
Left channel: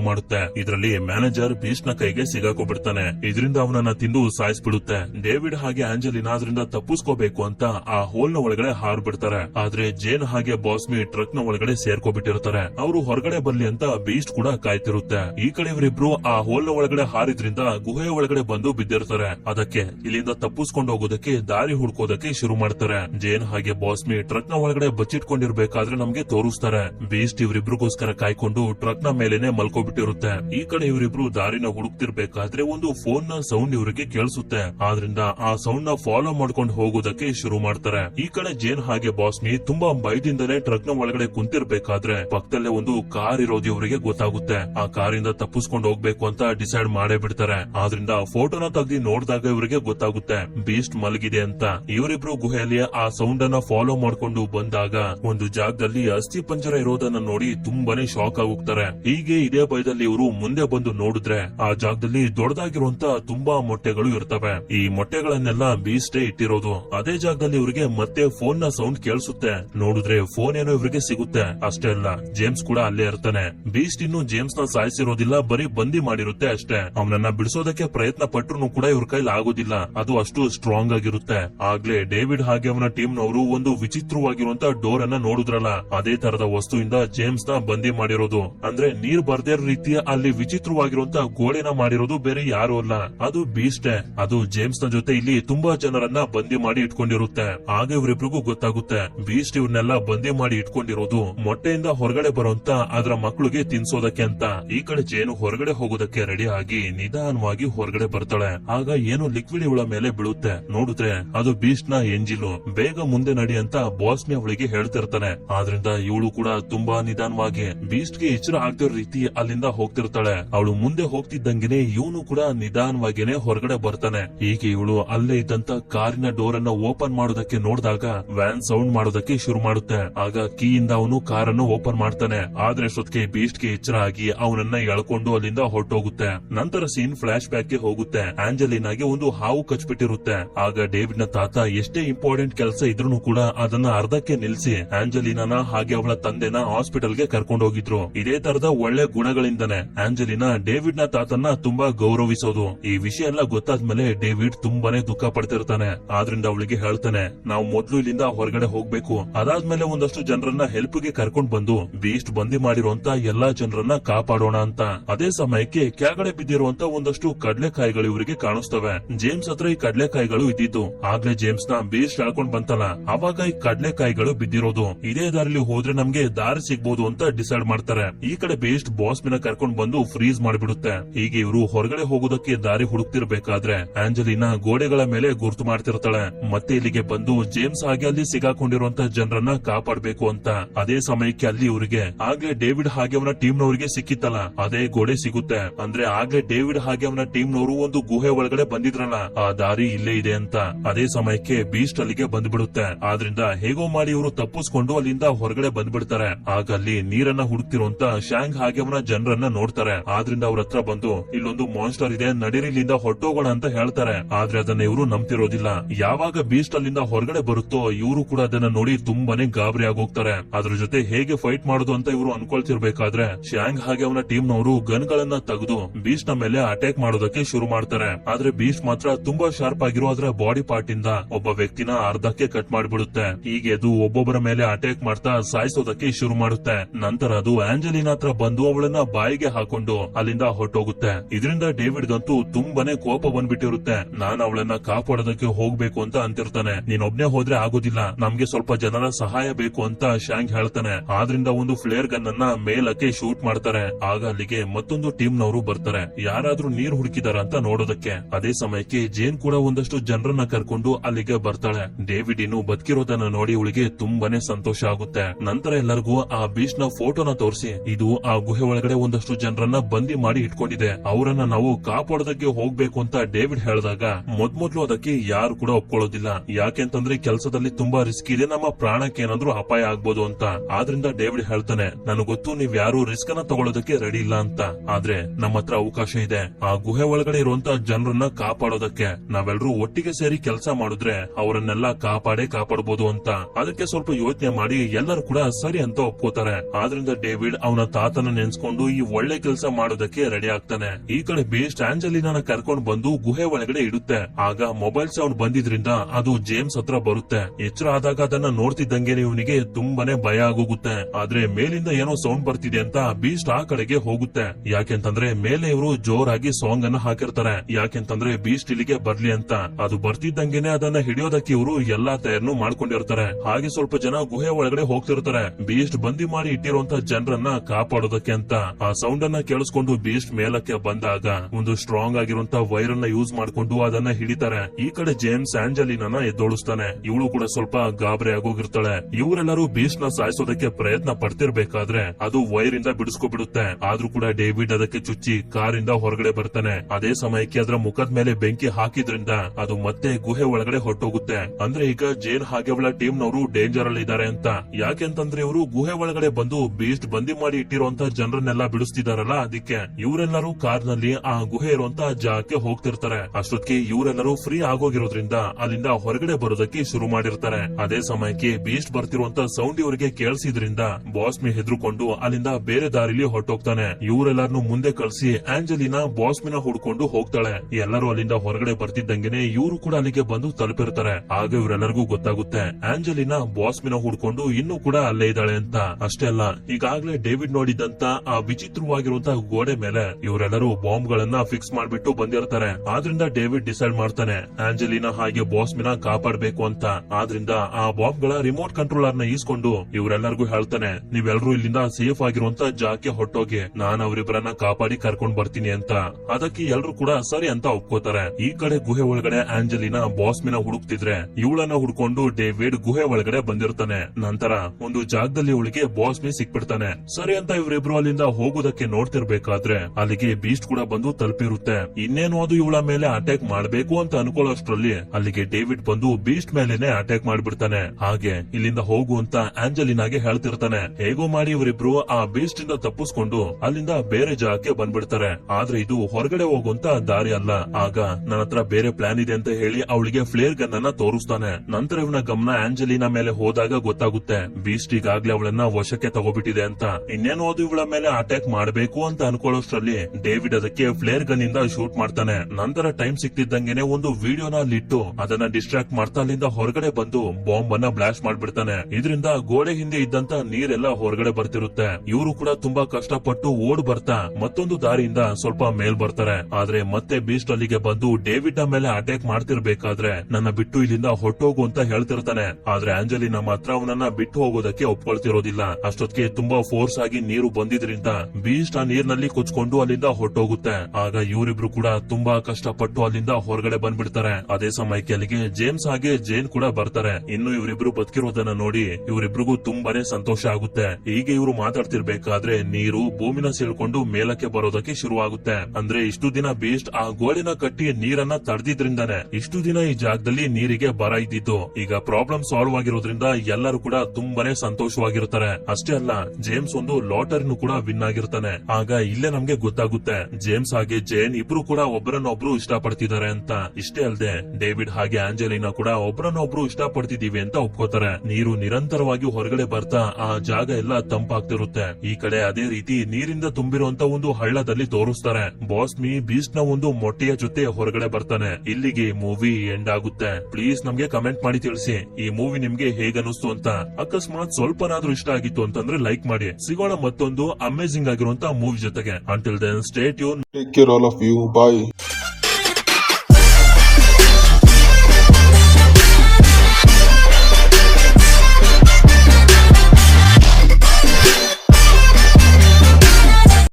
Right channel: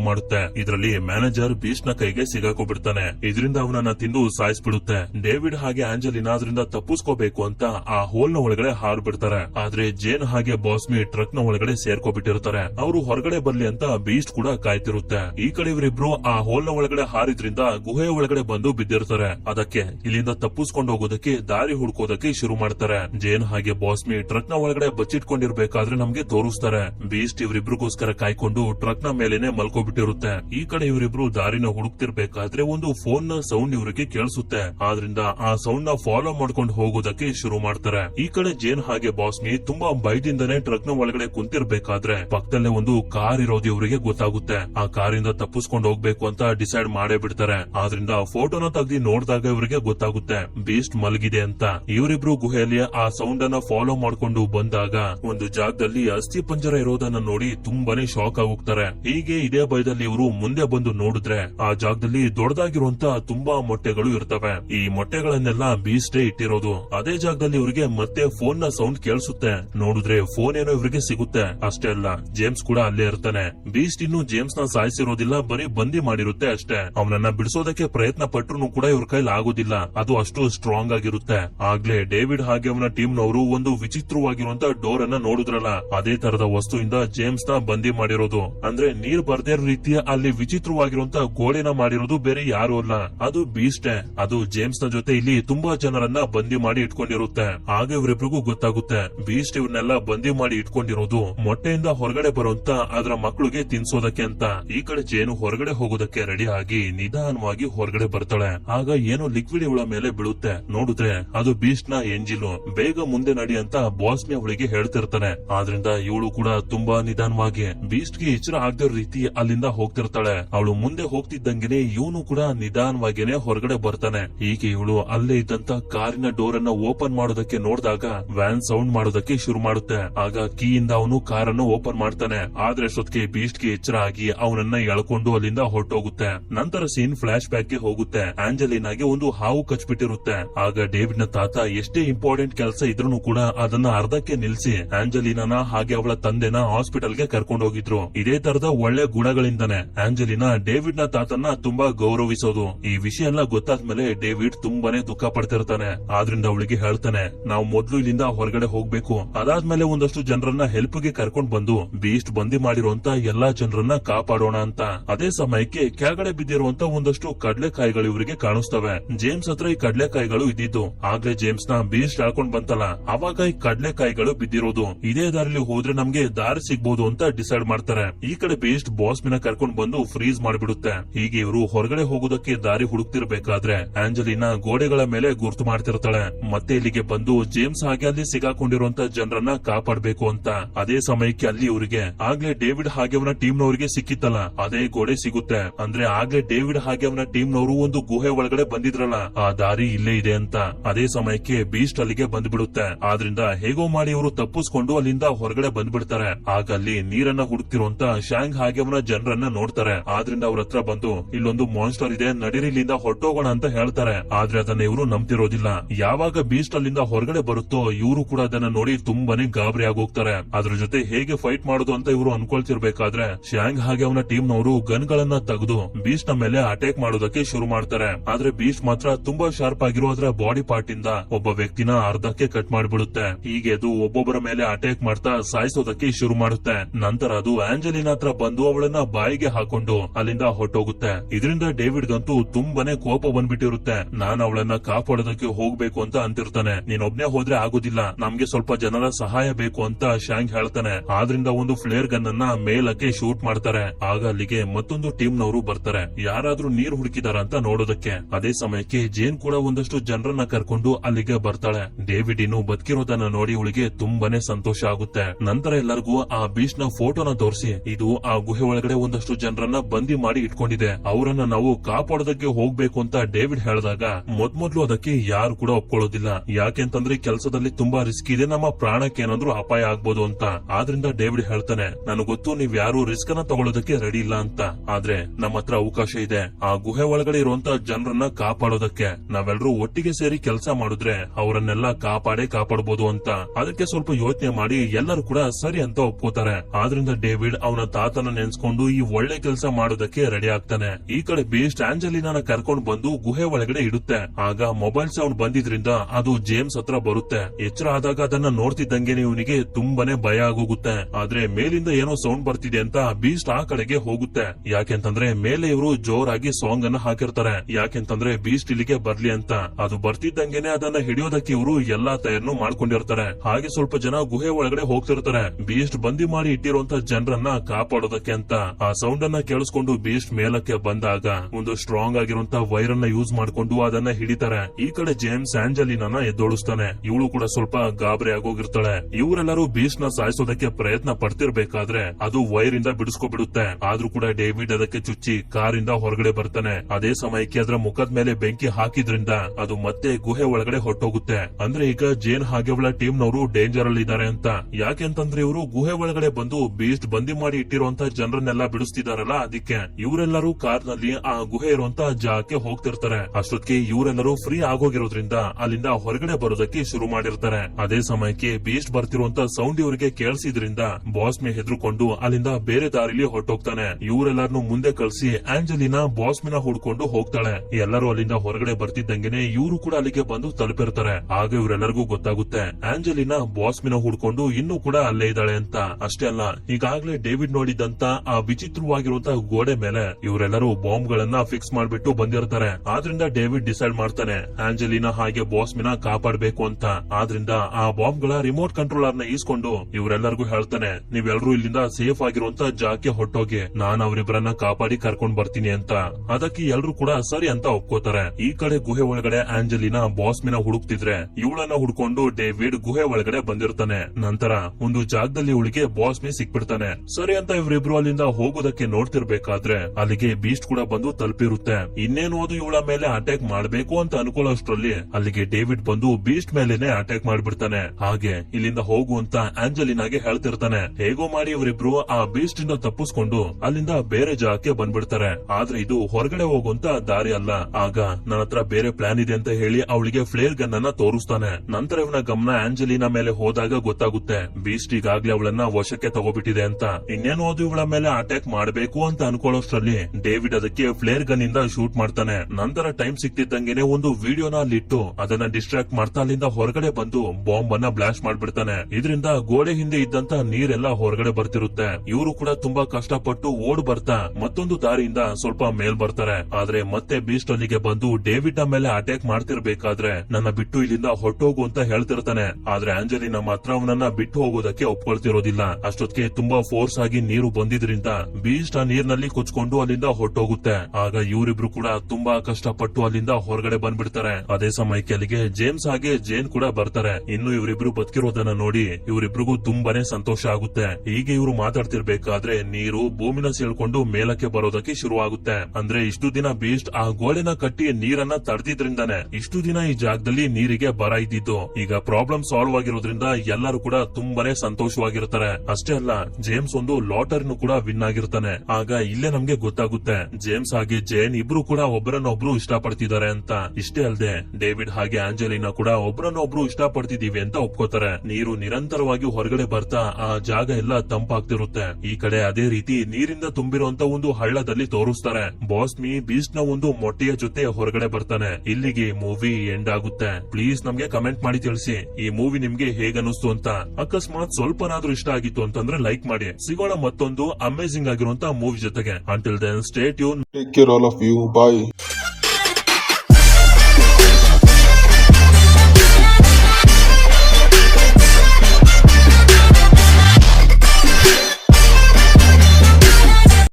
ಮಾಡುತ್ತೆ. ಇದರಲ್ಲಿ ಮ್ಯಾನೇಜರ್ ಬೀಸ್ಟ್ನ ಕೈಗೆ ಸಿಗಾಕೊಬಿಡ್ತಾನೆ. ಇದರಿಂದ ಅವನನ್ನ ತಿಂದು ಸಾಯಿಸ್ಬಿಡುತ್ತೆ. ಡೇವಿಡ್ ಹಾಗೆ ಆಂಜಲಿನಾ ಅದರಿಂದ ತಪ್ಪಿಸ್ಕೋಬೇಕು ಅಂತ ಆ ಹೋಲ್ನ ಒಳಗಡೆ ಹಾರ್ಬಿಡ್ತಾರೆ ಆದ್ರೆ ಜೇನ್ ಹಾಗೆ ಬಾಸ್ಮಿ ಟ್ರಕ್ನ ಒಳಗಡೆ ಸೇರ್ಕೊಬಿಟ್ಟಿರ್ತಾರೆ. ಅವರು ಹೊರಗಡೆ ಬರ್ಲಿ ಅಂತ ಬೀಸ್ಟ್ ಕೂಡ ಕಾಯ್ತಿರುತ್ತೆ. ಈ ಕಡೆ ಇವರಿಬ್ರು ಆ ಹೋಲ್ನ ಒಳಗಡೆ ಹಾರಿದ್ರಿಂದ ಗುಹೆ ಒಳಗಡೆ ಬಂದು ಬಿದ್ದಿರ್ತಾರೆ. ಅದಕ್ಕೆ ಇಲ್ಲಿಂದ ತಪ್ಪಿಸ್ಕೊಂಡು ಹೋಗೋದಕ್ಕೆ ದಾರಿ ಹುಡ್ಕೋದಕ್ಕೆ ಶುರು ಮಾಡ್ತಾರೆ. ಜೇನ್ ಹಾಗೆ ಬಾಸ್ಮಿ ಟ್ರಕ್ನ ಒಳಗಡೆ ಬಚ್ಚಿಟ್ಕೊಂಡಿರ್ಬೇಕಾದ್ರೆ ನಮ್ಗೆ ತೋರಿಸ್ತಾರೆ. ಬೀಸ್ಟ್ ಇವರಿಬ್ರಿಗೋಸ್ಕರ ಕಾಯ್ಕೊಂಡು ಟ್ರಕ್ನ ಮೇಲೆನೆ ಮಲ್ಕೋಬಿಟ್ಟಿರುತ್ತೆ. ಈ ಕಡೆ ಇವರಿಬ್ರು ದಾರಿನ ಹುಡುಕ್ತಿರ್ಬೇಕಾದ್ರೆ ಒಂದು ಫೋನ್ನ ಸೌಂಡ್ ಇವರಿಗೆ ಕೇಳಿಸುತ್ತೆ. ಆದ್ರಿಂದ ಆ ಸೌಂಡ್ನ ಫಾಲೋ ಮಾಡ್ಕೊಂಡು ಹೋಗೋದಕ್ಕೆ ಶುರು ಮಾಡ್ತಾರೆ. ಈ ಕಡೆ ಜೇನ್ ಹಾಗೆ ಬಾಸ್ನಿ ತುಂಬಾ ಭಯದಿಂದಲೇ ಟ್ರಕ್ನ ಒಳಗಡೆ ಕುಂತಿರ್ಬೇಕಾದ್ರೆ ಪಕ್ಕದಲ್ಲೇ ಒಂದು ಕಾರ್ ಇರೋದು ಇವರಿಗೆ ಗೊತ್ತಾಗುತ್ತೆ. ಆ ಕಾರಿಂದ ತಪ್ಪಿಸ್ಕೊಂಡು ಹೋಗ್ಬೇಕು ಅಂತ ಡಿಸೈಡ್ ಮಾಡೇ ಬಿಡ್ತಾರೆ. ಆದ್ರಿಂದ ಆ ಫೋಟೋನ ತೆಗ್ದಿ ನೋಡಿದಾಗ ಇವರಿಗೆ ಗೊತ್ತಾಗುತ್ತೆ. ಬೀಸ್ಟ್ ಮಲಗಿದೆ ಅಂತ. ಇವರಿಬ್ರು ಗುಹೆಯಲ್ಲಿ ಆ ಸೌಂಡ್ ಅನ್ನ ಫಾಲೋ ಮಾಡ್ಕೊಂಡು ಬಂದಾಗ ಒಂದು ಜಾಗದಲ್ಲಿ ಅಸ್ಥಿ ಪಂಜರ ಇರೋದನ್ನ ನೋಡಿ ತುಂಬಾನೇ ಶಾಕ್ ಆಗೋಗ್ತಾರೆ. ಹೀಗೆ ಇದೇ ಭಯದಲ್ಲಿ ಇವರು ಮುಂದೆ ಬಂದು ನೋಡಿದ್ರೆ ಆ ಜಾಗದಲ್ಲಿ ದೊಡ್ಡದಾಗಿರುವಂತ ತುಂಬಾ ಮೊಟ್ಟೆಗಳು ಇರ್ತವೆ. ಈ ಮೊಟ್ಟೆಗಳನ್ನೆಲ್ಲ ಬೀಸ್ಟೇ ಇಟ್ಟಿರೋದು. ಅದೇ ಜಾಗದಲ್ಲಿ ಇವರಿಗೆ ಮತ್ತೆ ಫೋನ್ನ ಸೌಂಡ್ ಕೇಳಿಸುತ್ತೆ. ನೋಡಿದ್ರೆ ಫೋನ್ ಏನೋ ಇವರಿಗೆ ಸಿಗುತ್ತೆ. ಅಷ್ಟೇ ಅಲ್ಲ ಜೇಮ್ಸ್ ಕೂಡ ಅಲ್ಲೇ ಇರ್ತಾನೆ. ಬೀಸ್ಟ್ ಇನ್ನು ಜೇಮ್ಸ್ನ ಸಾಯಿಸಿರೋದಿಲ್ಲ, ಬರೀ ಬಂದಿ ಮಾಡಿರುತ್ತೆ ಅಷ್ಟೇ. ಅವನನ್ನ ಬಿಡಿಸೋದಕ್ಕೆ ಪ್ರಯತ್ನ ಪಟ್ಟರು ಕೂಡ ಇವ್ರ ಕೈಲಿ ಆಗೋದಿಲ್ಲ. ಅದು ಅಷ್ಟು ಸ್ಟ್ರಾಂಗ್ ಆಗಿರುತ್ತೆ. ಆಗ್ಲೇ ಡೇವಿಡ್ ಹಾಗೆ ಅವನ ಟೀಮ್ ನವರು ಒಂದು ವಿಚಿತ್ರವಾಗಿರುವಂತ ಡೋರ್ ಅನ್ನ ನೋಡಿದ್ರಲ್ಲ, ಅದೇ ತರದ ವಸ್ತುವಿಂದ ಜೇಮ್ಸ್ ಬಂದಿ ಮಾಡಿರೋದು. ಅಂದ್ರೆ ನೀರ್ ಬರ್ದೇ ಇರೋ ರೀತಿ ಅಲ್ಲಿ ವಿಚಿತ್ರವಾಗಿರುವಂತ ಗೋಡೆನ ಮಾಡಿರೋದು ಬೇರೆ ಯಾರು ಅಲ್ಲ. ಅದು ಬೀಸ್ಟೆ ಅದು ಜೇಮ್ಸ್ನ ಜೊತೆ ಇಲ್ಲಿ ತುಂಬಾ ಜನರನ್ನ ಬಂದಿ ಮಾಡಿ ಇಟ್ಕೊಂಡಿರುತ್ತೆ. ಹಾಗೆ ಇವರಿಬ್ರಿಗೂ ಗೊತ್ತಾಗುತ್ತೆ. ಬೀಸ್ಟ್ ಇವ್ರನ್ನೆಲ್ಲ ಬಂದಿ ಮಾಡಿ ಇಟ್ಕೊಂಡಿರೋದು ಮೊಟ್ಟೆಯಿಂದ ಹೊರಗಡೆ ಬರುವಂತ ಅದರ ಮಕ್ಕಳಿಗೆ ತಿನ್ಸೋದಕ್ಕೆ ಅಂತ. ಈ ಕಡೆ ಜೇನು ಹೊರಗಡೆ ಹೋಗೋದಕ್ಕೆ ರೆಡಿ ಆಗಿ ನಿಧಾನವಾಗಿ ಹೊರಗಡೆ ಬರ್ತಾಳೆ. ಆಗ ಏನು ಲಿಕ್ವಿಡ್ ಇವಳ ಮೇಲೆ ಬೀಳುತ್ತೆ. ನೋಡಿದ್ರೆ ಅದು ಬೀಸ್ಟ್ನ ಎಂಜಿಲು. ಬೇಗ ಮುಂದೆ ನಡಿ ಅಂತ ಬಾಸ್ಮಿ ಅವಳಿಗೆ ಹೇಳ್ತಿರ್ತಾನೆ. ಆದ್ರಿಂದ ಇವಳು ಕೂಡ ತುಂಬಾ ನಿಧಾನವಾಗಿ ಬೀಸ್ಟ್ಗೆ ಎಚ್ಚರ ಆಗದಿರೋ ರೀತಿ ಅಲ್ಲಿಂದ ಹೋಗ್ತಿರ್ತಾಳೆ. ಅವಳು ಮುಂದೆ ಹೋಗ್ತಿದ್ದಂಗೆನೆ ಇವನು ಕೂಡ ನಿಧಾನವಾಗಿನೇ ಹೊರಗಡೆ ಬರ್ತಾನೆ. ಹೀಗೆ ಇವಳು ಅಲ್ಲೇ ಇದ್ದಂತ ಕಾರಿನ ಡೋರ್ ಅನ್ನ ಓಪನ್ ಮಾಡೋದಕ್ಕೆ ನೋಡಿದಾಗ ವ್ಯಾನ್ ಸೌಂಡ್ ಮಾಡೋದಕ್ಕೆ ಶುರು ಮಾಡುತ್ತೆ. ಆಗ ಕೀಯಿಂದ ಅವನು ಕಾರನ್ನು ಓಪನ್ ಮಾಡ್ತಾನೆ. ಆದ್ರೆ ಅಷ್ಟೊತ್ತಿಗೆ ಬೀಸ್ಟ್ಗೆ ಎಚ್ಚರ ಆಗಿ ಅವನನ್ನ ಎಳ್ಕೊಂಡು ಅಲ್ಲಿಂದ ಹೊರಟೋಗುತ್ತೆ. ನಂತರ ಸೀನ್ ಫ್ಲಾಶ್ ಬ್ಯಾಕ್ಗೆ ಹೋಗುತ್ತೆ. ಆಂಜಲಿನಾಗೆ ಒಂದು ಹಾವು ಕಚ್ಬಿಟ್ಟಿರುತ್ತೆ. ಆಗ ಡೇವಿಡ್ನ ತಾತ ಎಷ್ಟೇ ಇಂಪಾರ್ಟೆಂಟ್ ಕೆಲಸ ಇದ್ರು ಕೂಡ ಅದನ್ನ ಅರ್ಧಕ್ಕೆ ನಿಲ್ಸಿ ಆಂಜಲಿನಾನ ಹಾಗೆ ಅವಳ ತಂದೆನ ಹಾಸ್ಪಿಟಲ್ಗೆ ಕರ್ಕೊಂಡು ಹೋಗಿದ್ರು ಇದೇ ತರದ ಒಳ್ಳೆ ಗುಣಗಳಿಂದಾನೆ ಆಂಜಲಿನಾ ಡೇವಿಡ್ನ ತಾತನ್ನ ತುಂಬಾ ಗೌರವಿಸೋದು. ಈ ವಿಷಯ ಎಲ್ಲ ಗೊತ್ತಾದ್ಮೇಲೆ ಡೇವಿಡ್ ತುಂಬಾನೇ ದುಃಖ ಪಡ್ತಿರ್ತಾನೆ. ಆದ್ರಿಂದ ಅವಳಿಗೆ ಹೇಳ್ತಾನೆ, ನಾವು ಮೊದ್ಲು ಇಲ್ಲಿಂದ ಹೊರಗಡೆ ಹೋಗ್ಬೇಕು. ಅದಾದ್ಮೇಲೆ ಒಂದಷ್ಟು ಜನರನ್ನ ಹೆಲ್ಪ್ಗೆ ಕರ್ಕೊಂಡ್ ಬಂದು ಬೀಸ್ಟ್ ಬಂದಿ ಮಾಡಿರುವಂತ ಎಲ್ಲಾ ಜನರನ್ನ ಕಾಪಾಡೋಣ ಅಂತ. ಅದೇ ಸಮಯಕ್ಕೆ ಕೆಳಗಡೆ ಬಿದ್ದಿರುವಂತ ಒಂದಷ್ಟು ಕಡ್ಲೆಕಾಯಿಗಳು ಇವರಿಗೆ ಕಾಣಿಸ್ತವೆ. ಜೇಮ್ಸ್ ಹತ್ರ ಈ ಕಡ್ಲೆಕಾಯಿಗಳು ಇದ್ದಿದ್ದು. ಆಗ್ಲೇ ಜೇಮ್ಸ್ನ ಬೇಸ್ಟ್ ಹಾಕೊಂಡ್ ಬಂತಲ್ಲ. ಅವಾಗ ಈ ಕಡ್ಲೆಕಾಯಿಗಳು ಬಿದ್ದಿರೋದು. ಇದೇ ದಾರಿಲಿ ಹೋದ್ರೆ ನಮ್ಗೆ ದಾರಿ ಸಿಗ್ಬೋದು ಅಂತ ಡಿಸೈಡ್ ಮಾಡ್ತಾರೆ. ಈ ಕಡೆ ಬೇಸ್ಟ್ ಬಾಸ್ ಮಿನ ಕರ್ಕೊಂಡ್ ಬಂದು ಫ್ರೀಸ್ ಮಾಡಿಬಿಡುತ್ತೆ. ಹೀಗೆ ಇವರು ಹೊರಗಡೆ ಹೋಗೋದಕ್ಕೆ ದಾರಿ ಹುಡುಕ್ತಿರ್ಬೇಕಾದ್ರೆ ಆಂಜಲಿನಾ ಗೋಡೆಗಳ ಮೇಲೆ ಗುರ್ತು ಮಾಡ್ತಿರ್ತಾಳೆ. ಮತ್ತೆ ಇಲ್ಲಿಗೆ ಬಂದು ಜೇಮ್ಸ್ ಹಾಗೆ ಅಲ್ಲಿ ಸಿಗಾಕೊಂಡಿರುವಂತ ಜನರನ್ನ ಕಾಪಾಡಬೇಕು ಅಂತ. ಅದೇ ಸಮಯಕ್ಕೆ ಅಲ್ಲಿ ಇವರಿಗೆ ಆಗ್ಲೇ ಡೇವಿಡ್ ಹಾಗೆ ಅವನ ಟೀಮ್ ನವರಿಗೆ ಸಿಕ್ಕಿತ್ತಲ್ಲ. ಅದೇ ಗೋಡೆ ಸಿಗುತ್ತೆ. ಅಂದ್ರೆ ಆಗ್ಲೇ ಡೇವಿಡ್ ಹಾಗೆ ಅವನ ಟೀಮ್ ನವರು ಒಂದು ಗುಹೆ ಒಳಗಡೆ ಬಂದಿದ್ರಲ್ಲ, ಆ ದಾರಿ ಇಲ್ಲೇ ಇದೆ ಅಂತ. ಅದೇ ಸಮಯಕ್ಕೆ ಬೀಸ್ಟ್ ಅಲ್ಲಿಗೆ ಬಂದ್ಬಿಡುತ್ತೆ. ಆದ್ರಿಂದ ಹೇಗೋ ಮಾಡಿ ಇವರು ತಪ್ಪಿಸ್ಕೊಂಡು ಅಲ್ಲಿಂದ ಹೊರಗಡೆ ಬಂದ್ಬಿಡ್ತಾರೆ. ಆಗ ಅಲ್ಲಿ ನೀರನ್ನ ಹುಡುಕ್ತಿರುವಂತ ಶಾಂಗ್ ಹಾಗೆ ಅವನ ಜನರನ್ನ ನೋಡ್ತಾರೆ. ಆದ್ರಿಂದ ಅವ್ರ ಹತ್ರ ಬಂದು, ಇಲ್ಲೊಂದು ಮಾನ್ಸ್ಟರ್ ಇದೆ ನಡೀರಿ ಇಲ್ಲಿಂದ ಹೊಟ್ಟೋಗೋಣ ಅಂತ ಹೇಳ್ತಾರೆ. ಆದ್ರೆ ಅದನ್ನ ಇವರು ನಂಬ್ತಿರೋದಿಲ್ಲ. ಯಾವಾಗ ಬೀಸ್ಟ್ ಅಲ್ಲಿಂದ ಹೊರಗಡೆ ಬರುತ್ತೋ, ಇವರು ಕೂಡ ಅದನ್ನ ನೋಡಿ ತುಂಬಾನೇ ಗಾಬರಿ ಆಗೋಗ್ತಾರೆ. ಅದ್ರ ಜೊತೆ ಹೇಗೆ ಫೈಟ್ ಮಾಡೋದು ಅಂತ ಇವರು ಅನ್ಕೊಳ್ತಿರ್ಬೇಕಾದ್ರೆ ಶಾಂಗ್ ಹಾಗೆ ಅವನ ಟೀಮ್ ನವರು ಗನ್ ಗಳನ್ನ ತೆಗೆದು ಬೀಸ್ಟ್ನ ಮೇಲೆ ಅಟ್ಯಾಕ್ ಮಾಡೋದಕ್ಕೆ ಶುರು ಮಾಡ್ತಾರೆ. ಆದ್ರೆ ಬೀಸ್ಟ್ ಮಾತ್ರ ತುಂಬಾ ಶಾರ್ಪ್ ಆಗಿರೋ ಅದರ ಬಾಡಿ ಪಾರ್ಟ್ ಇಂದ ಒಬ್ಬ ವ್ಯಕ್ತಿನ ಅರ್ಧಕ್ಕೆ ಕಟ್ ಮಾಡ್ಬಿಡುತ್ತೆ. ಹೀಗೆ ಅದು ಒಬ್ಬೊಬ್ಬರ ಮೇಲೆ ಅಟ್ಯಾಕ್ ಮಾಡ್ತಾ ಸಾಯಿಸೋದಕ್ಕೆ ಶುರು ಮಾಡುತ್ತೆ. ನಂತರ ಅದು ಆಂಜಲಿನ ಹತ್ರ ಬಂದು ಅವಳನ್ನ ಬಾಯಿಗೆ ಹಾಕೊಂಡು ಅಲ್ಲಿಂದ ಹೊಟ್ಟೋಗುತ್ತೆ ಇದರಿಂದ ಡೇವಿಡ್ ಗಂತೂ ತುಂಬಾನೇ ಕೋಪ ಬಂದ್ಬಿಟ್ಟಿರುತ್ತೆ. ನಾನು ಅವಳನ್ನ ಕಾಪಾಡೋದಕ್ಕೆ ಹೋಗ್ಬೇಕು ಅಂತ ಅಂತಿರ್ತಾನೆ. ನೀನೊಬ್ನೇ ಹೋದ್ರೆ ಆಗುದಿಲ್ಲ. ನಮ್ಗೆ ಸ್ವಲ್ಪ ಜನರ ಸಹಾಯ ಬೇಕು ಅಂತ ಶಾಂಗ್ ಹೇಳ್ತಾನೆ. ಆದ್ರಿಂದ ಒಂದು ಫ್ಲೇರ್ ಗನ್ ಅನ್ನ ಮೇಲಕ್ಕೆ ಶೂಟ್ ಮಾಡ್ತಾರೆ. ಆಗ ಅಲ್ಲಿಗೆ ಮತ್ತೊಂದು ಟೀಮ್ ನವರು ಬರ್ತಾರೆ. ಯಾರಾದ್ರೂ ನೀರ್ ಹುಡುಕಿದಾರ ಅಂತ ನೋಡೋದಕ್ಕೆ. ಅದೇ ಸಮಯಕ್ಕೆ ಜೇನ್ ಕೂಡ ಒಂದಷ್ಟು ಜನರನ್ನ ಕರ್ಕೊಂಡು ಅಲ್ಲಿಗೆ ಬರ್ತಾಳೆ. ಡೇವಿಡ್ ಇನ್ನು ಬದುಕಿರೋದನ್ನ ನೋಡಿ ಇವಳಿಗೆ ತುಂಬಾನೇ ಸಂತೋಷ ಆಗುತ್ತೆ. ನಂತರ ಎಲ್ಲರಿಗೂ ಆ ಬೀಚ್ನ ಫೋಟೋನ ತೋರಿಸಿ. ಇದು ಆ ಗುಹೆ ಒಳಗಡೆ ಒಂದಷ್ಟು ಜನರನ್ನ ಬಂದಿ ಮಾಡಿ ಇಟ್ಕೊಂಡಿದೆ. ಅವರನ್ನ ನಾವು ಕಾಪಾಡೋದಕ್ಕೆ ಹೋಗ್ಬೇಕು ಅಂತ ಡೇವಿಡ್ ಹೇಳಿದಾಗ, ಮೊದ್ಮೊದ್ಲು ಅದಕ್ಕೆ ಯಾರು ಕೂಡ ಒಪ್ಕೊಳ್ಳೋದಿಲ್ಲ. ಯಾಕೆಂತಂದ್ರೆ ಕೆಲಸದಲ್ಲಿ ತುಂಬಾ ರಿಸ್ಕ್ ಇದೆ. ನಮ್ಮ ಪ್ರಾಣಕ್ಕೆ ಏನಾದ್ರೂ ಅಪಾಯ ಆಗ್ಬೋದು ಅಂತ. ಆದ್ರಿಂದ ಡೇವಿಡ್ ಹೇಳ್ತಾನೆ, ನನಗೆ ಗೊತ್ತು ನೀವ್ ಯಾರು ರಿಸ್ಕ್ ಅನ್ನ ತಗೊಳ್ಳೋದಕ್ಕೆ ರೆಡಿ ಇಲ್ಲ ಅಂತ. ಆದ್ರೆ ನಮ್ಮ ಹತ್ರ ಅವಕಾಶ ಇದೆ. ಆ ಗುಹೆ ಒಳಗಡೆ ಇರುವಂತ ಜನರನ್ನ ಕಾಪಾಡೋದಕ್ಕೆ. ನಾವೆಲ್ಲರೂ ಒಟ್ಟಿಗೆ ಸೇರಿ ಕೆಲಸ ಮಾಡಿದ್ರೆ ಅವರನ್ನೆಲ್ಲ ಕಾಪಾಡೇ ಕಾಪಾಡಬಹುದು ಅಂತ. ಅದಕ್ಕೆ ಸ್ವಲ್ಪ ಯೋಚನೆ ಮಾಡಿ ಎಲ್ಲರೂ ಕೂಡ ಸರಿ ಅಂತ ಒಪ್ಕೋತಾರೆ. ಆದ್ರಿಂದ ಡೇವಿಡ್ ಅವನ ತಾತನ ನೆನ್ಸ್ಕೊಂಡು ಈ ಒಳ್ಳೆ ಕೆಲಸ ಮಾಡೋದಕ್ಕೆ ರೆಡಿ ಆಗ್ತಾನೆ. ಈ ಕಡೆ ಬೀಸ್ಟ್ ಆಂಜಲಿನ ಕರ್ಕೊಂಡು ಬಂದು ಗುಹೆ ಒಳಗಡೆ ಇಡುತ್ತೆ. ಆಗ ಮೊಬೈಲ್ ಸೌಂಡ್ ಬಂದಿದ್ರಿಂದ ಅದು ಜೇಮ್ಸ್ ಹತ್ರ ಬರುತ್ತೆ. ಎಚ್ಚರ ಆದಾಗ ಅದನ್ನ ನೋಡ್ತಿದ್ದಂಗೆ ಇವನಿಗೆ ತುಂಬಾನೇ ಭಯ ಆಗೋಗುತ್ತೆ. ಆದ್ರೆ ಮೇಲಿಂದ ಏನೋ ಸೌಂಡ್ ಬರ್ತಿದೆ ಅಂತ ಬೀಸ್ಟ್ ಆ ಕಡೆಗೆ ಹೋಗುತ್ತೆ. ಯಾಕೆಂತಂದ್ರೆ ಮೇಲೆ ಇವರು ಜೋರಾಗಿ ಸಾಂಗ್ ಅನ್ನ ಹಾಕಿರ್ತಾರೆ. ಯಾಕೆಂತಂದ್ರೆ ಬೀಸ್ಟ್ ಇಲ್ಲಿಗೆ ಬರ್ಲಿ ಅಂತ. ಅದು ಬರ್ತಿದ್ದಂಗೆನೆ ಅದನ್ನ ಹಿಡಿಯೋದಕ್ಕೆ ಇವರು ಎಲ್ಲಾ ತಯಾರನ್ನು ಮಾಡ್ಕೊಂಡಿರ್ತಾರೆ. ಹಾಗೆ ಸ್ವಲ್ಪ ಜನ ಗುಹೆ ಒಳಗಡೆ ಹೋಗ್ತಿರ್ತಾರೆ. ಬೀಸ್ಟ್ ಬಂದಿ ಮಾಡಿ ಇಟ್ಟಿರುವಂತ ಜನರನ್ನ ಕಾಪಾಡೋದಕ್ಕೆ ಅಂತ ಆ ಸೌಂಡ್ ಅನ್ನ ಕೇಳಿಸ್ಕೊಂಡು ಬೇಸ್ಟ್ ಮೇಲಕ್ಕೆ ಬಂದಾಗ ಒಂದು ಸ್ಟ್ರಾಂಗ್ ಆಗಿರುವಂತ ವೈರ್ ಅನ್ನ ಯೂಸ್ ಮಾಡ್ಕೊಂಡು ಅದನ್ನ ಹಿಡಿತಾರೆ. ಈ ಕಡೆ ಜೇಮ್ಸ್ ಆಂಜಲಿನ ಎದ್ದೋಳಿಸ್ತಾನೆ. ಇವಳು ಕೂಡ ಸ್ವಲ್ಪ ಗಾಬರಿ ಆಗೋಗಿರ್ತಾಳೆ. ಇವರೆಲ್ಲರೂ ಬೀಸ್ಟ್ನ ಸಾಯಿಸೋದಕ್ಕೆ ಪ್ರಯತ್ನ ಪಡ್ತಿರ್ಬೇಕಾದ್ರೆ ಅದು ವೈರ್ ಇಂದ ಬಿಡಿಸ್ಕೊಬಿಡುತ್ತೆ. ಆದ್ರೂ ಕೂಡ ಡೇವಿಡ್ ಅದಕ್ಕೆ ಚುಚ್ಚಿ ಕಾರಿಂದ ಹೊರಗಡೆ ಬರ್ತಾನೆ. ಅದೇ ಸಮಯಕ್ಕೆ ಅದರ ಮುಖದ ಮೇಲೆ ಬೆಂಕಿ ಹಾಕಿದ್ರಿಂದ ಅದು ಮತ್ತೆ ಗುಹೆ ಒಳಗಡೆ ಹೊಟ್ಟೋಗುತ್ತೆ ಅಂದ್ರೆ ಈಗ ಜೇನ್ ಹಾಗೆ ಅವಳ ಟೀಮ್ ನವರು ಡೇಂಜರ್ ಅಲ್ಲಿ ಇದ್ದಾರೆ ಅಂತ ಯಾಕೆಂತಂದ್ರೆ ಇವರು ಗುಹೆ ಒಳಗಡೆ ಬಂದು ಬೀಸ್ಟ್ ಬಂದಿ ಮಾಡಿ ಇಟ್ಟಿರುವಂತಹ ಜನರನ್ನೆಲ್ಲ ಬಿಡಿಸ್ತಿದಾರಲ್ಲ ಅದಕ್ಕೆ ಇವರೆಲ್ಲರೂ ಕಾರ್ನಲ್ಲಿ ಆ ಗುಹೆ ಇರುವಂತ ಜಾಗಕ್ಕೆ ಹೋಗ್ತಿರ್ತಾರೆ. ಅಷ್ಟೊತ್ತಿಗೆ ಇವರೆಲ್ಲರೂ ಫ್ರೀ ಆಗೋಗಿರೋದ್ರಿಂದ ಅಲ್ಲಿಂದ ಹೊರಗಡೆ ಬರೋದಕ್ಕೆ ಶುರು ಮಾಡಿರ್ತಾರೆ. ಅದೇ ಸಮಯಕ್ಕೆ ಬೇಸ್ಟ್ ಬರ್ತಿರುವಂತ ಸೌಂಡ್ ಇವರಿಗೆ ಕೇಳಿಸಿದ್ರಿಂದ ಬಾಸ್ ಮೇ ಹೆದರ್ಕೊಂಡು ಅಲ್ಲಿಂದ ಬೇರೆ ದಾರಿಲಿ ಹೊರಟೋಗ್ತಾನೆ. ಇವರೆಲ್ಲರನ್ನು ಮುಂದೆ ಕಳಿಸಿ ಆಂಜಲಿನಾ ಬಾಸ್ ಮಿನ ಹುಡ್ಕೊಂಡು ಹೋಗ್ತಾಳೆ. ಎಲ್ಲರೂ ಅಲ್ಲಿಂದ ಹೊರಗಡೆ ಬರ್ತಿದ್ದಂಗೆನೆ ಇವರು ಕೂಡ ಅಲ್ಲಿಗೆ ಬಂದು ತಲುಪಿರ್ತಾರೆ. ಆಗ ಇವರೆಲ್ಲರಿಗೂ ಗೊತ್ತಾಗುತ್ತೆ ಆಂಜಲಿನಾ ಬಾಸ್ ಮಿನ ಹುಡ್ಕೊಂಡು ಇನ್ನೂ ಕೂಡ ಅಲ್ಲೇ ಇದ್ದಾಳೆ ಅಂತ. ಅಷ್ಟೇ ಅಲ್ಲ ಈಗಾಗಲೇ ಡೇವಿಡ್ ನೋಡಿದಂತ ಆ ವಿಚಿತ್ರವಾಗಿರುವಂತಹ ಗೋಡೆ ಮೇಲೆ ಇವರೆಲ್ಲರೂ ಬಾಂಬ್ ಗಳನ್ನ ಫಿಕ್ಸ್ ಮಾಡ್ಬಿಟ್ಟು ಬಂದಿರ್ತಾರೆ. ಆದ್ರಿಂದ ಡೇವಿಡ್ ಡಿಸೈಡ್ ಮಾಡ್ತಾನೆ, ಆಂಜಲಿನಾ ಹಾಗೆ ಬಾಸ್ ಮಿನ ಕಾಪಾಡಬೇಕು ಅಂತ. ಆದ್ರಿಂದ ಆ ಬಾಂಬ್ಗಳ ರಿಮೋಟ್ ಕಂಟ್ರೋಲರ್ನ ಈಸ್ಕೊಂಡು ಇವರೆಲ್ಲರಿಗೂ ಹೇಳ್ತಾನೆ ನೀವೆಲ್ಲರೂ ಇಲ್ಲಿಂದ ಸೇಫ್ ಆಗಿರುವಂತ ಜಾಗಕ್ಕೆ ಹೊಟ್ಟೋಗಿ ನಾನ್ ಅವರಿಬ್ಬರನ್ನ ಕಾಪಾಡಿ ಕರ್ಕೊಂಡ್ ಬರ್ತೀನಿ ಅಂತ. ಅದಕ್ಕೆ ಎಲ್ರು ಕೂಡ ಸರಿ ಅಂತ ಒಪ್ಕೋತಾರೆ. ಈ ಕಡೆ ಗುಹೆ ಒಳಗಡೆ ಆಂಜಲಿನಾ ಬಾಸ್ ಮಿನ ಹುಡುಕ್ತಿದ್ರೆ, ಇವಳನ್ನ ಹುಡ್ಕೊಂಡು ಡೇವಿಡ್ ಗುಹೆ ಒಳಗಡೆ ಬಂದಿರ್ತಾನೆ. ನಂತರ ಒಂದು ಜಾಗದಲ್ಲಿ ಅವಳಿಗೆ ಬಾಸ್ ಮೇ ಸಿಕ್ಬಿಡ್ತಾನೆ. ಸರಿ ಅಂತ ಇವ್ರಿಬ್ರು ಅಲ್ಲಿಂದ ಹೋಗೋದಕ್ಕೆ ನೋಡ್ತಿರ್ಬೇಕಾದ್ರೆ ಅಲ್ಲಿಗೆ ಬೀಸ್ಟ್ ಕೂಡ ಬಂದು ತಲುಪಿರುತ್ತೆ. ಇನ್ನೇನು ಅದು ಇವಳ ಮೇಲೆ ಅಟ್ಯಾಕ್ ಮಾಡ್ಬೇಕು ಅಂತ ಅನ್ಕೊಳ್ಳೋಷ್ಟ್ರಲ್ಲಿ ಅಲ್ಲಿಗೆ ಡೇವಿಡ್ ಬಂದು ಬೀಸ್ಟ್ ಮೇಲೆನೆ ಅಟ್ಯಾಕ್ ಮಾಡ್ಬಿಡ್ತಾನೆ. ಹಾಗೆ ಇಲ್ಲಿಂದ ಹೋಗು ಅಂತ ಆಂಜಲಿನಾಗೆ ಹೇಳ್ತಿರ್ತಾನೆ. ಹೇಗೋ ಮಾಡಿ ಇವರಿಬ್ರು ಆ ಬೀಸ್ಟ್ ಇಂದ ತಪ್ಪಿಸ್ಕೊಂಡು ಅಲ್ಲಿಂದ ಬೇರೆ ಜಾಗಕ್ಕೆ ಬಂದ್ಬಿಡ್ತಾರೆ. ಆದ್ರೆ ಇದು ಹೊರಗಡೆ ಹೋಗುವಂತ ದಾರಿ ಅಲ್ಲ. ಆಗ ನನ್ನ ಹತ್ರ ಬೇರೆ ಪ್ಲಾನ್ ಇದೆ ಅಂತ ಹೇಳಿ ಅವಳಿಗೆ ಫ್ಲೇರ್ ಗನ್ ಅನ್ನ ತೋರಿಸ್ತಾನೆ. ನಂತರ ಇವನ ಗಮನ ಆಂಜಲಿನ ಮೇಲೆ ಹೋದಾಗ ಗೊತ್ತಾಗುತ್ತೆ. ಬೀಸ್ಟ್ ಈಗಾಗ್ಲೇ ಅವಳನ್ನ ವಶಕ್ಕೆ ತಗೋಬಿಟ್ಟಿದೆ ಅಂತ. ಇನ್ನೇನು ಅದು ಇವಳ ಮೇಲೆ ಅಟ್ಯಾಕ್ ಮಾಡಬೇಕು ಅಂತ ಅನ್ಕೊಳ್ಳೋಷ್ಟ್ರಲ್ಲಿ ಡೇವಿಡ್ ಅದಕ್ಕೆ ಫ್ಲೇರ್ ಗನ್ ಇಂದ ಶೂಟ್ ಮಾಡ್ತಾನೆ. ನಂತರ ಟೈಮ್ ಸಿಕ್ತಿದ್ದಂಗೆನೆ ಒಂದು ವಿಡಿಯೋನ ಅಲ್ಲಿಟ್ಟು ಅದನ್ನ ಡಿಸ್ಟ್ರಾಕ್ಟ್ ಮಾಡ್ತಾ ಅಲ್ಲಿಂದ ಹೊರಗಡೆ ಬಂದು ಬಾಂಬ್ ಅನ್ನ ಬ್ಲಾಸ್ಟ್ ಮಾಡ್ಬಿಡ್ತಾನೆ. ಇದರಿಂದ ಗೋಡೆ ಹಿಂದೆ ಇದ್ದಂತ ನೀರೆಲ್ಲ ಹೊರಗಡೆ ಬರ್ತಿರುತ್ತೆ. ಇವರು ಕೂಡ ತುಂಬಾ ಕಷ್ಟಪಟ್ಟು ಓಡ್ ಬರ್ತಾ ಮತ್ತೊಂದು ದಾರಿಯಿಂದ ಸ್ವಲ್ಪ ಮೇಲ್ ಬರ್ತಾರೆ. ಆದ್ರೆ ಮತ್ತೆ ಬೀಸ್ಟ್ ಅಲ್ಲಿಗೆ ಬಂದು ಡೇವಿಡ್ನ ಮೇಲೆ ಅಟ್ಯಾಕ್ ಮಾಡ್ತಿರ್ಬೇಕಾದ್ರೆ ನನ್ನ ಬಿಟ್ಟು ಇಲ್ಲಿಂದ ಹೊಟ್ಟೋಗು ಅಂತ ಹೇಳ್ತಿರ್ತಾನೆ. ಆದ್ರೆ ಆಂಜಲಿನ ಮಾತ್ರ ಅವನನ್ನ ಬಿಟ್ಟು ಹೋಗೋದಕ್ಕೆ ಒಪ್ಕೊಳ್ತಿರೋದಿಲ್ಲ. ಅಷ್ಟೊತ್ತಿಗೆ ತುಂಬಾ ಫೋರ್ಸ್ ಆಗಿ ನೀರು ಬಂದಿದ್ರಿಂದ ಬೀಸ್ಟ್ ಆ ನೀರ್ನಲ್ಲಿ ಕುಚ್ಕೊಂಡು ಅಲ್ಲಿಂದ ಹೊಟ್ಟೋಗುತ್ತೆ ಆಗ ಇವರಿಬ್ರು ಕೂಡ ತುಂಬಾ ಕಷ್ಟಪಟ್ಟು ಅಲ್ಲಿಂದ ಹೊರಗಡೆ ಬಂದ್ಬಿಡ್ತಾರೆ. ಅದೇ ಸಮಯಕ್ಕೆ ಅಲ್ಲಿಗೆ ಜೇಮ್ಸ್ ಹಾಗೆ ಜೇನ್ ಕೂಡ ಬರ್ತಾರೆ. ಇನ್ನು ಇವರಿಬ್ರು ಬದುಕಿರೋದನ್ನ ನೋಡಿ ಇವರಿಬ್ರಿಗೂ ತುಂಬಾನೇ ಸಂತೋಷ ಆಗುತ್ತೆ. ಹೀಗೆ ಇವರು ಮಾತಾಡ್ತಿರ್ಬೇಕಾದ್ರೆ ನೀರು ಭೂಮಿನ ಸೇಳ್ಕೊಂಡು ಮೇಲಕ್ಕೆ ಬರೋದಕ್ಕೆ ಶುರುವಾಗುತ್ತೆ. ಅಂದ್ರೆ ಇಷ್ಟು ದಿನ ಬೀಸ್ಟ್ ಆ ಗೋಡೆನ ಕಟ್ಟಿ ನೀರನ್ನ ತಡೆದಿದ್ರಿಂದಾನೆ ಇಷ್ಟು ದಿನ ಈ ಜಾಗದಲ್ಲಿ ನೀರಿಗೆ ಬರ ಇದ್ದಿತ್ತು ಈಗ ಪ್ರಾಬ್ಲಮ್ ಸಾಲ್ವ್ ಆಗಿರೋದ್ರಿಂದ ಎಲ್ಲರೂ ಕೂಡ ತುಂಬಾನೇ ಸಂತೋಷವಾಗಿರ್ತಾರೆ. ಅಷ್ಟೇ ಅಲ್ಲ, ಜೇಮ್ಸ್ ಒಂದು ಲಾಟರಿನೂ ಕೂಡ ವಿನ್ ಆಗಿರ್ತಾನೆ. ಆಗ ಇಲ್ಲೇ ನಮ್ಗೆ ಗೊತ್ತಾಗುತ್ತೆ. ಜೇಮ್ಸ್ ಹಾಗೆ ಜೇನ್ ಇಬ್ರು ಕೂಡ ಒಬ್ಬರನ್ನೊಬ್ರು ಇಷ್ಟಪಡ್ತಿದ್ದಾರೆ ಅಂತ. ಇಷ್ಟೇ ಅಲ್ಲದೆ ಡೇವಿಡ್ ಹಾಗೆ ಆಂಜಲಿನಾ ಕೂಡ ಒಬ್ಬರನ್ನೊಬ್ರು ಇಷ್ಟಪಡ್ತಿದೀವಿ ಅಂತ ಒಪ್ಕೋತಾರೆ. ನೀರು ನಿರಂತರವಾಗಿ ಹೊರಗಡೆ ಬರ್ತಾ ಆ ಜಾಗ ಎಲ್ಲ ತಂಪಾಗ್ತಿರುತ್ತೆ. ಈ ಕಡೆ ಅದೇ ರೀತಿ ನೀರಿಂದ ತುಂಬಿರುವಂತ ಒಂದು ಹಳ್ಳದಲ್ಲಿ ತೋರಿಸ್ತಾರೆ. ಬಾಸ್ ಮೀ ಬೀಸ್ಟ್ನ ಒಂದು ಮೊಟ್ಟೆಯ ಜೊತೆ ಹೊರಗಡೆ ಬರ್ತಾನೆ. ಇಲ್ಲಿಗೆ ಮೂವಿ ಎಂಡ್ ಆಗುತ್ತೆ. ಪ್ಲೀಸ್ ನಮ್ಗೆ ಕಮೆಂಟ್ ಮಾಡಿ ತಿಳಿಸಿ. ಈ ಮೂವಿ ನಿಮ್ಗೆ ಹೇಗನ್ನಿಸ್ತು ಅಂತ. ಅಕಸ್ಮಾತ್ ಸ್ವಲ್ಪನಾದ್ರೂ ಇಷ್ಟ ಆಗಿತ್ತು ಅಂತಂದ್ರೆ ಲೈಕ್ ಮಾಡಿ ಸಿಗೋಣ ಮತ್ತೊಂದು ಅಮೇಸಿಂಗ್ ಆಗಿರುವಂತಹ ಮೂವಿ ಜೊತೆಗೆ until then stay ಯೂನ್ take care all of you. Bye.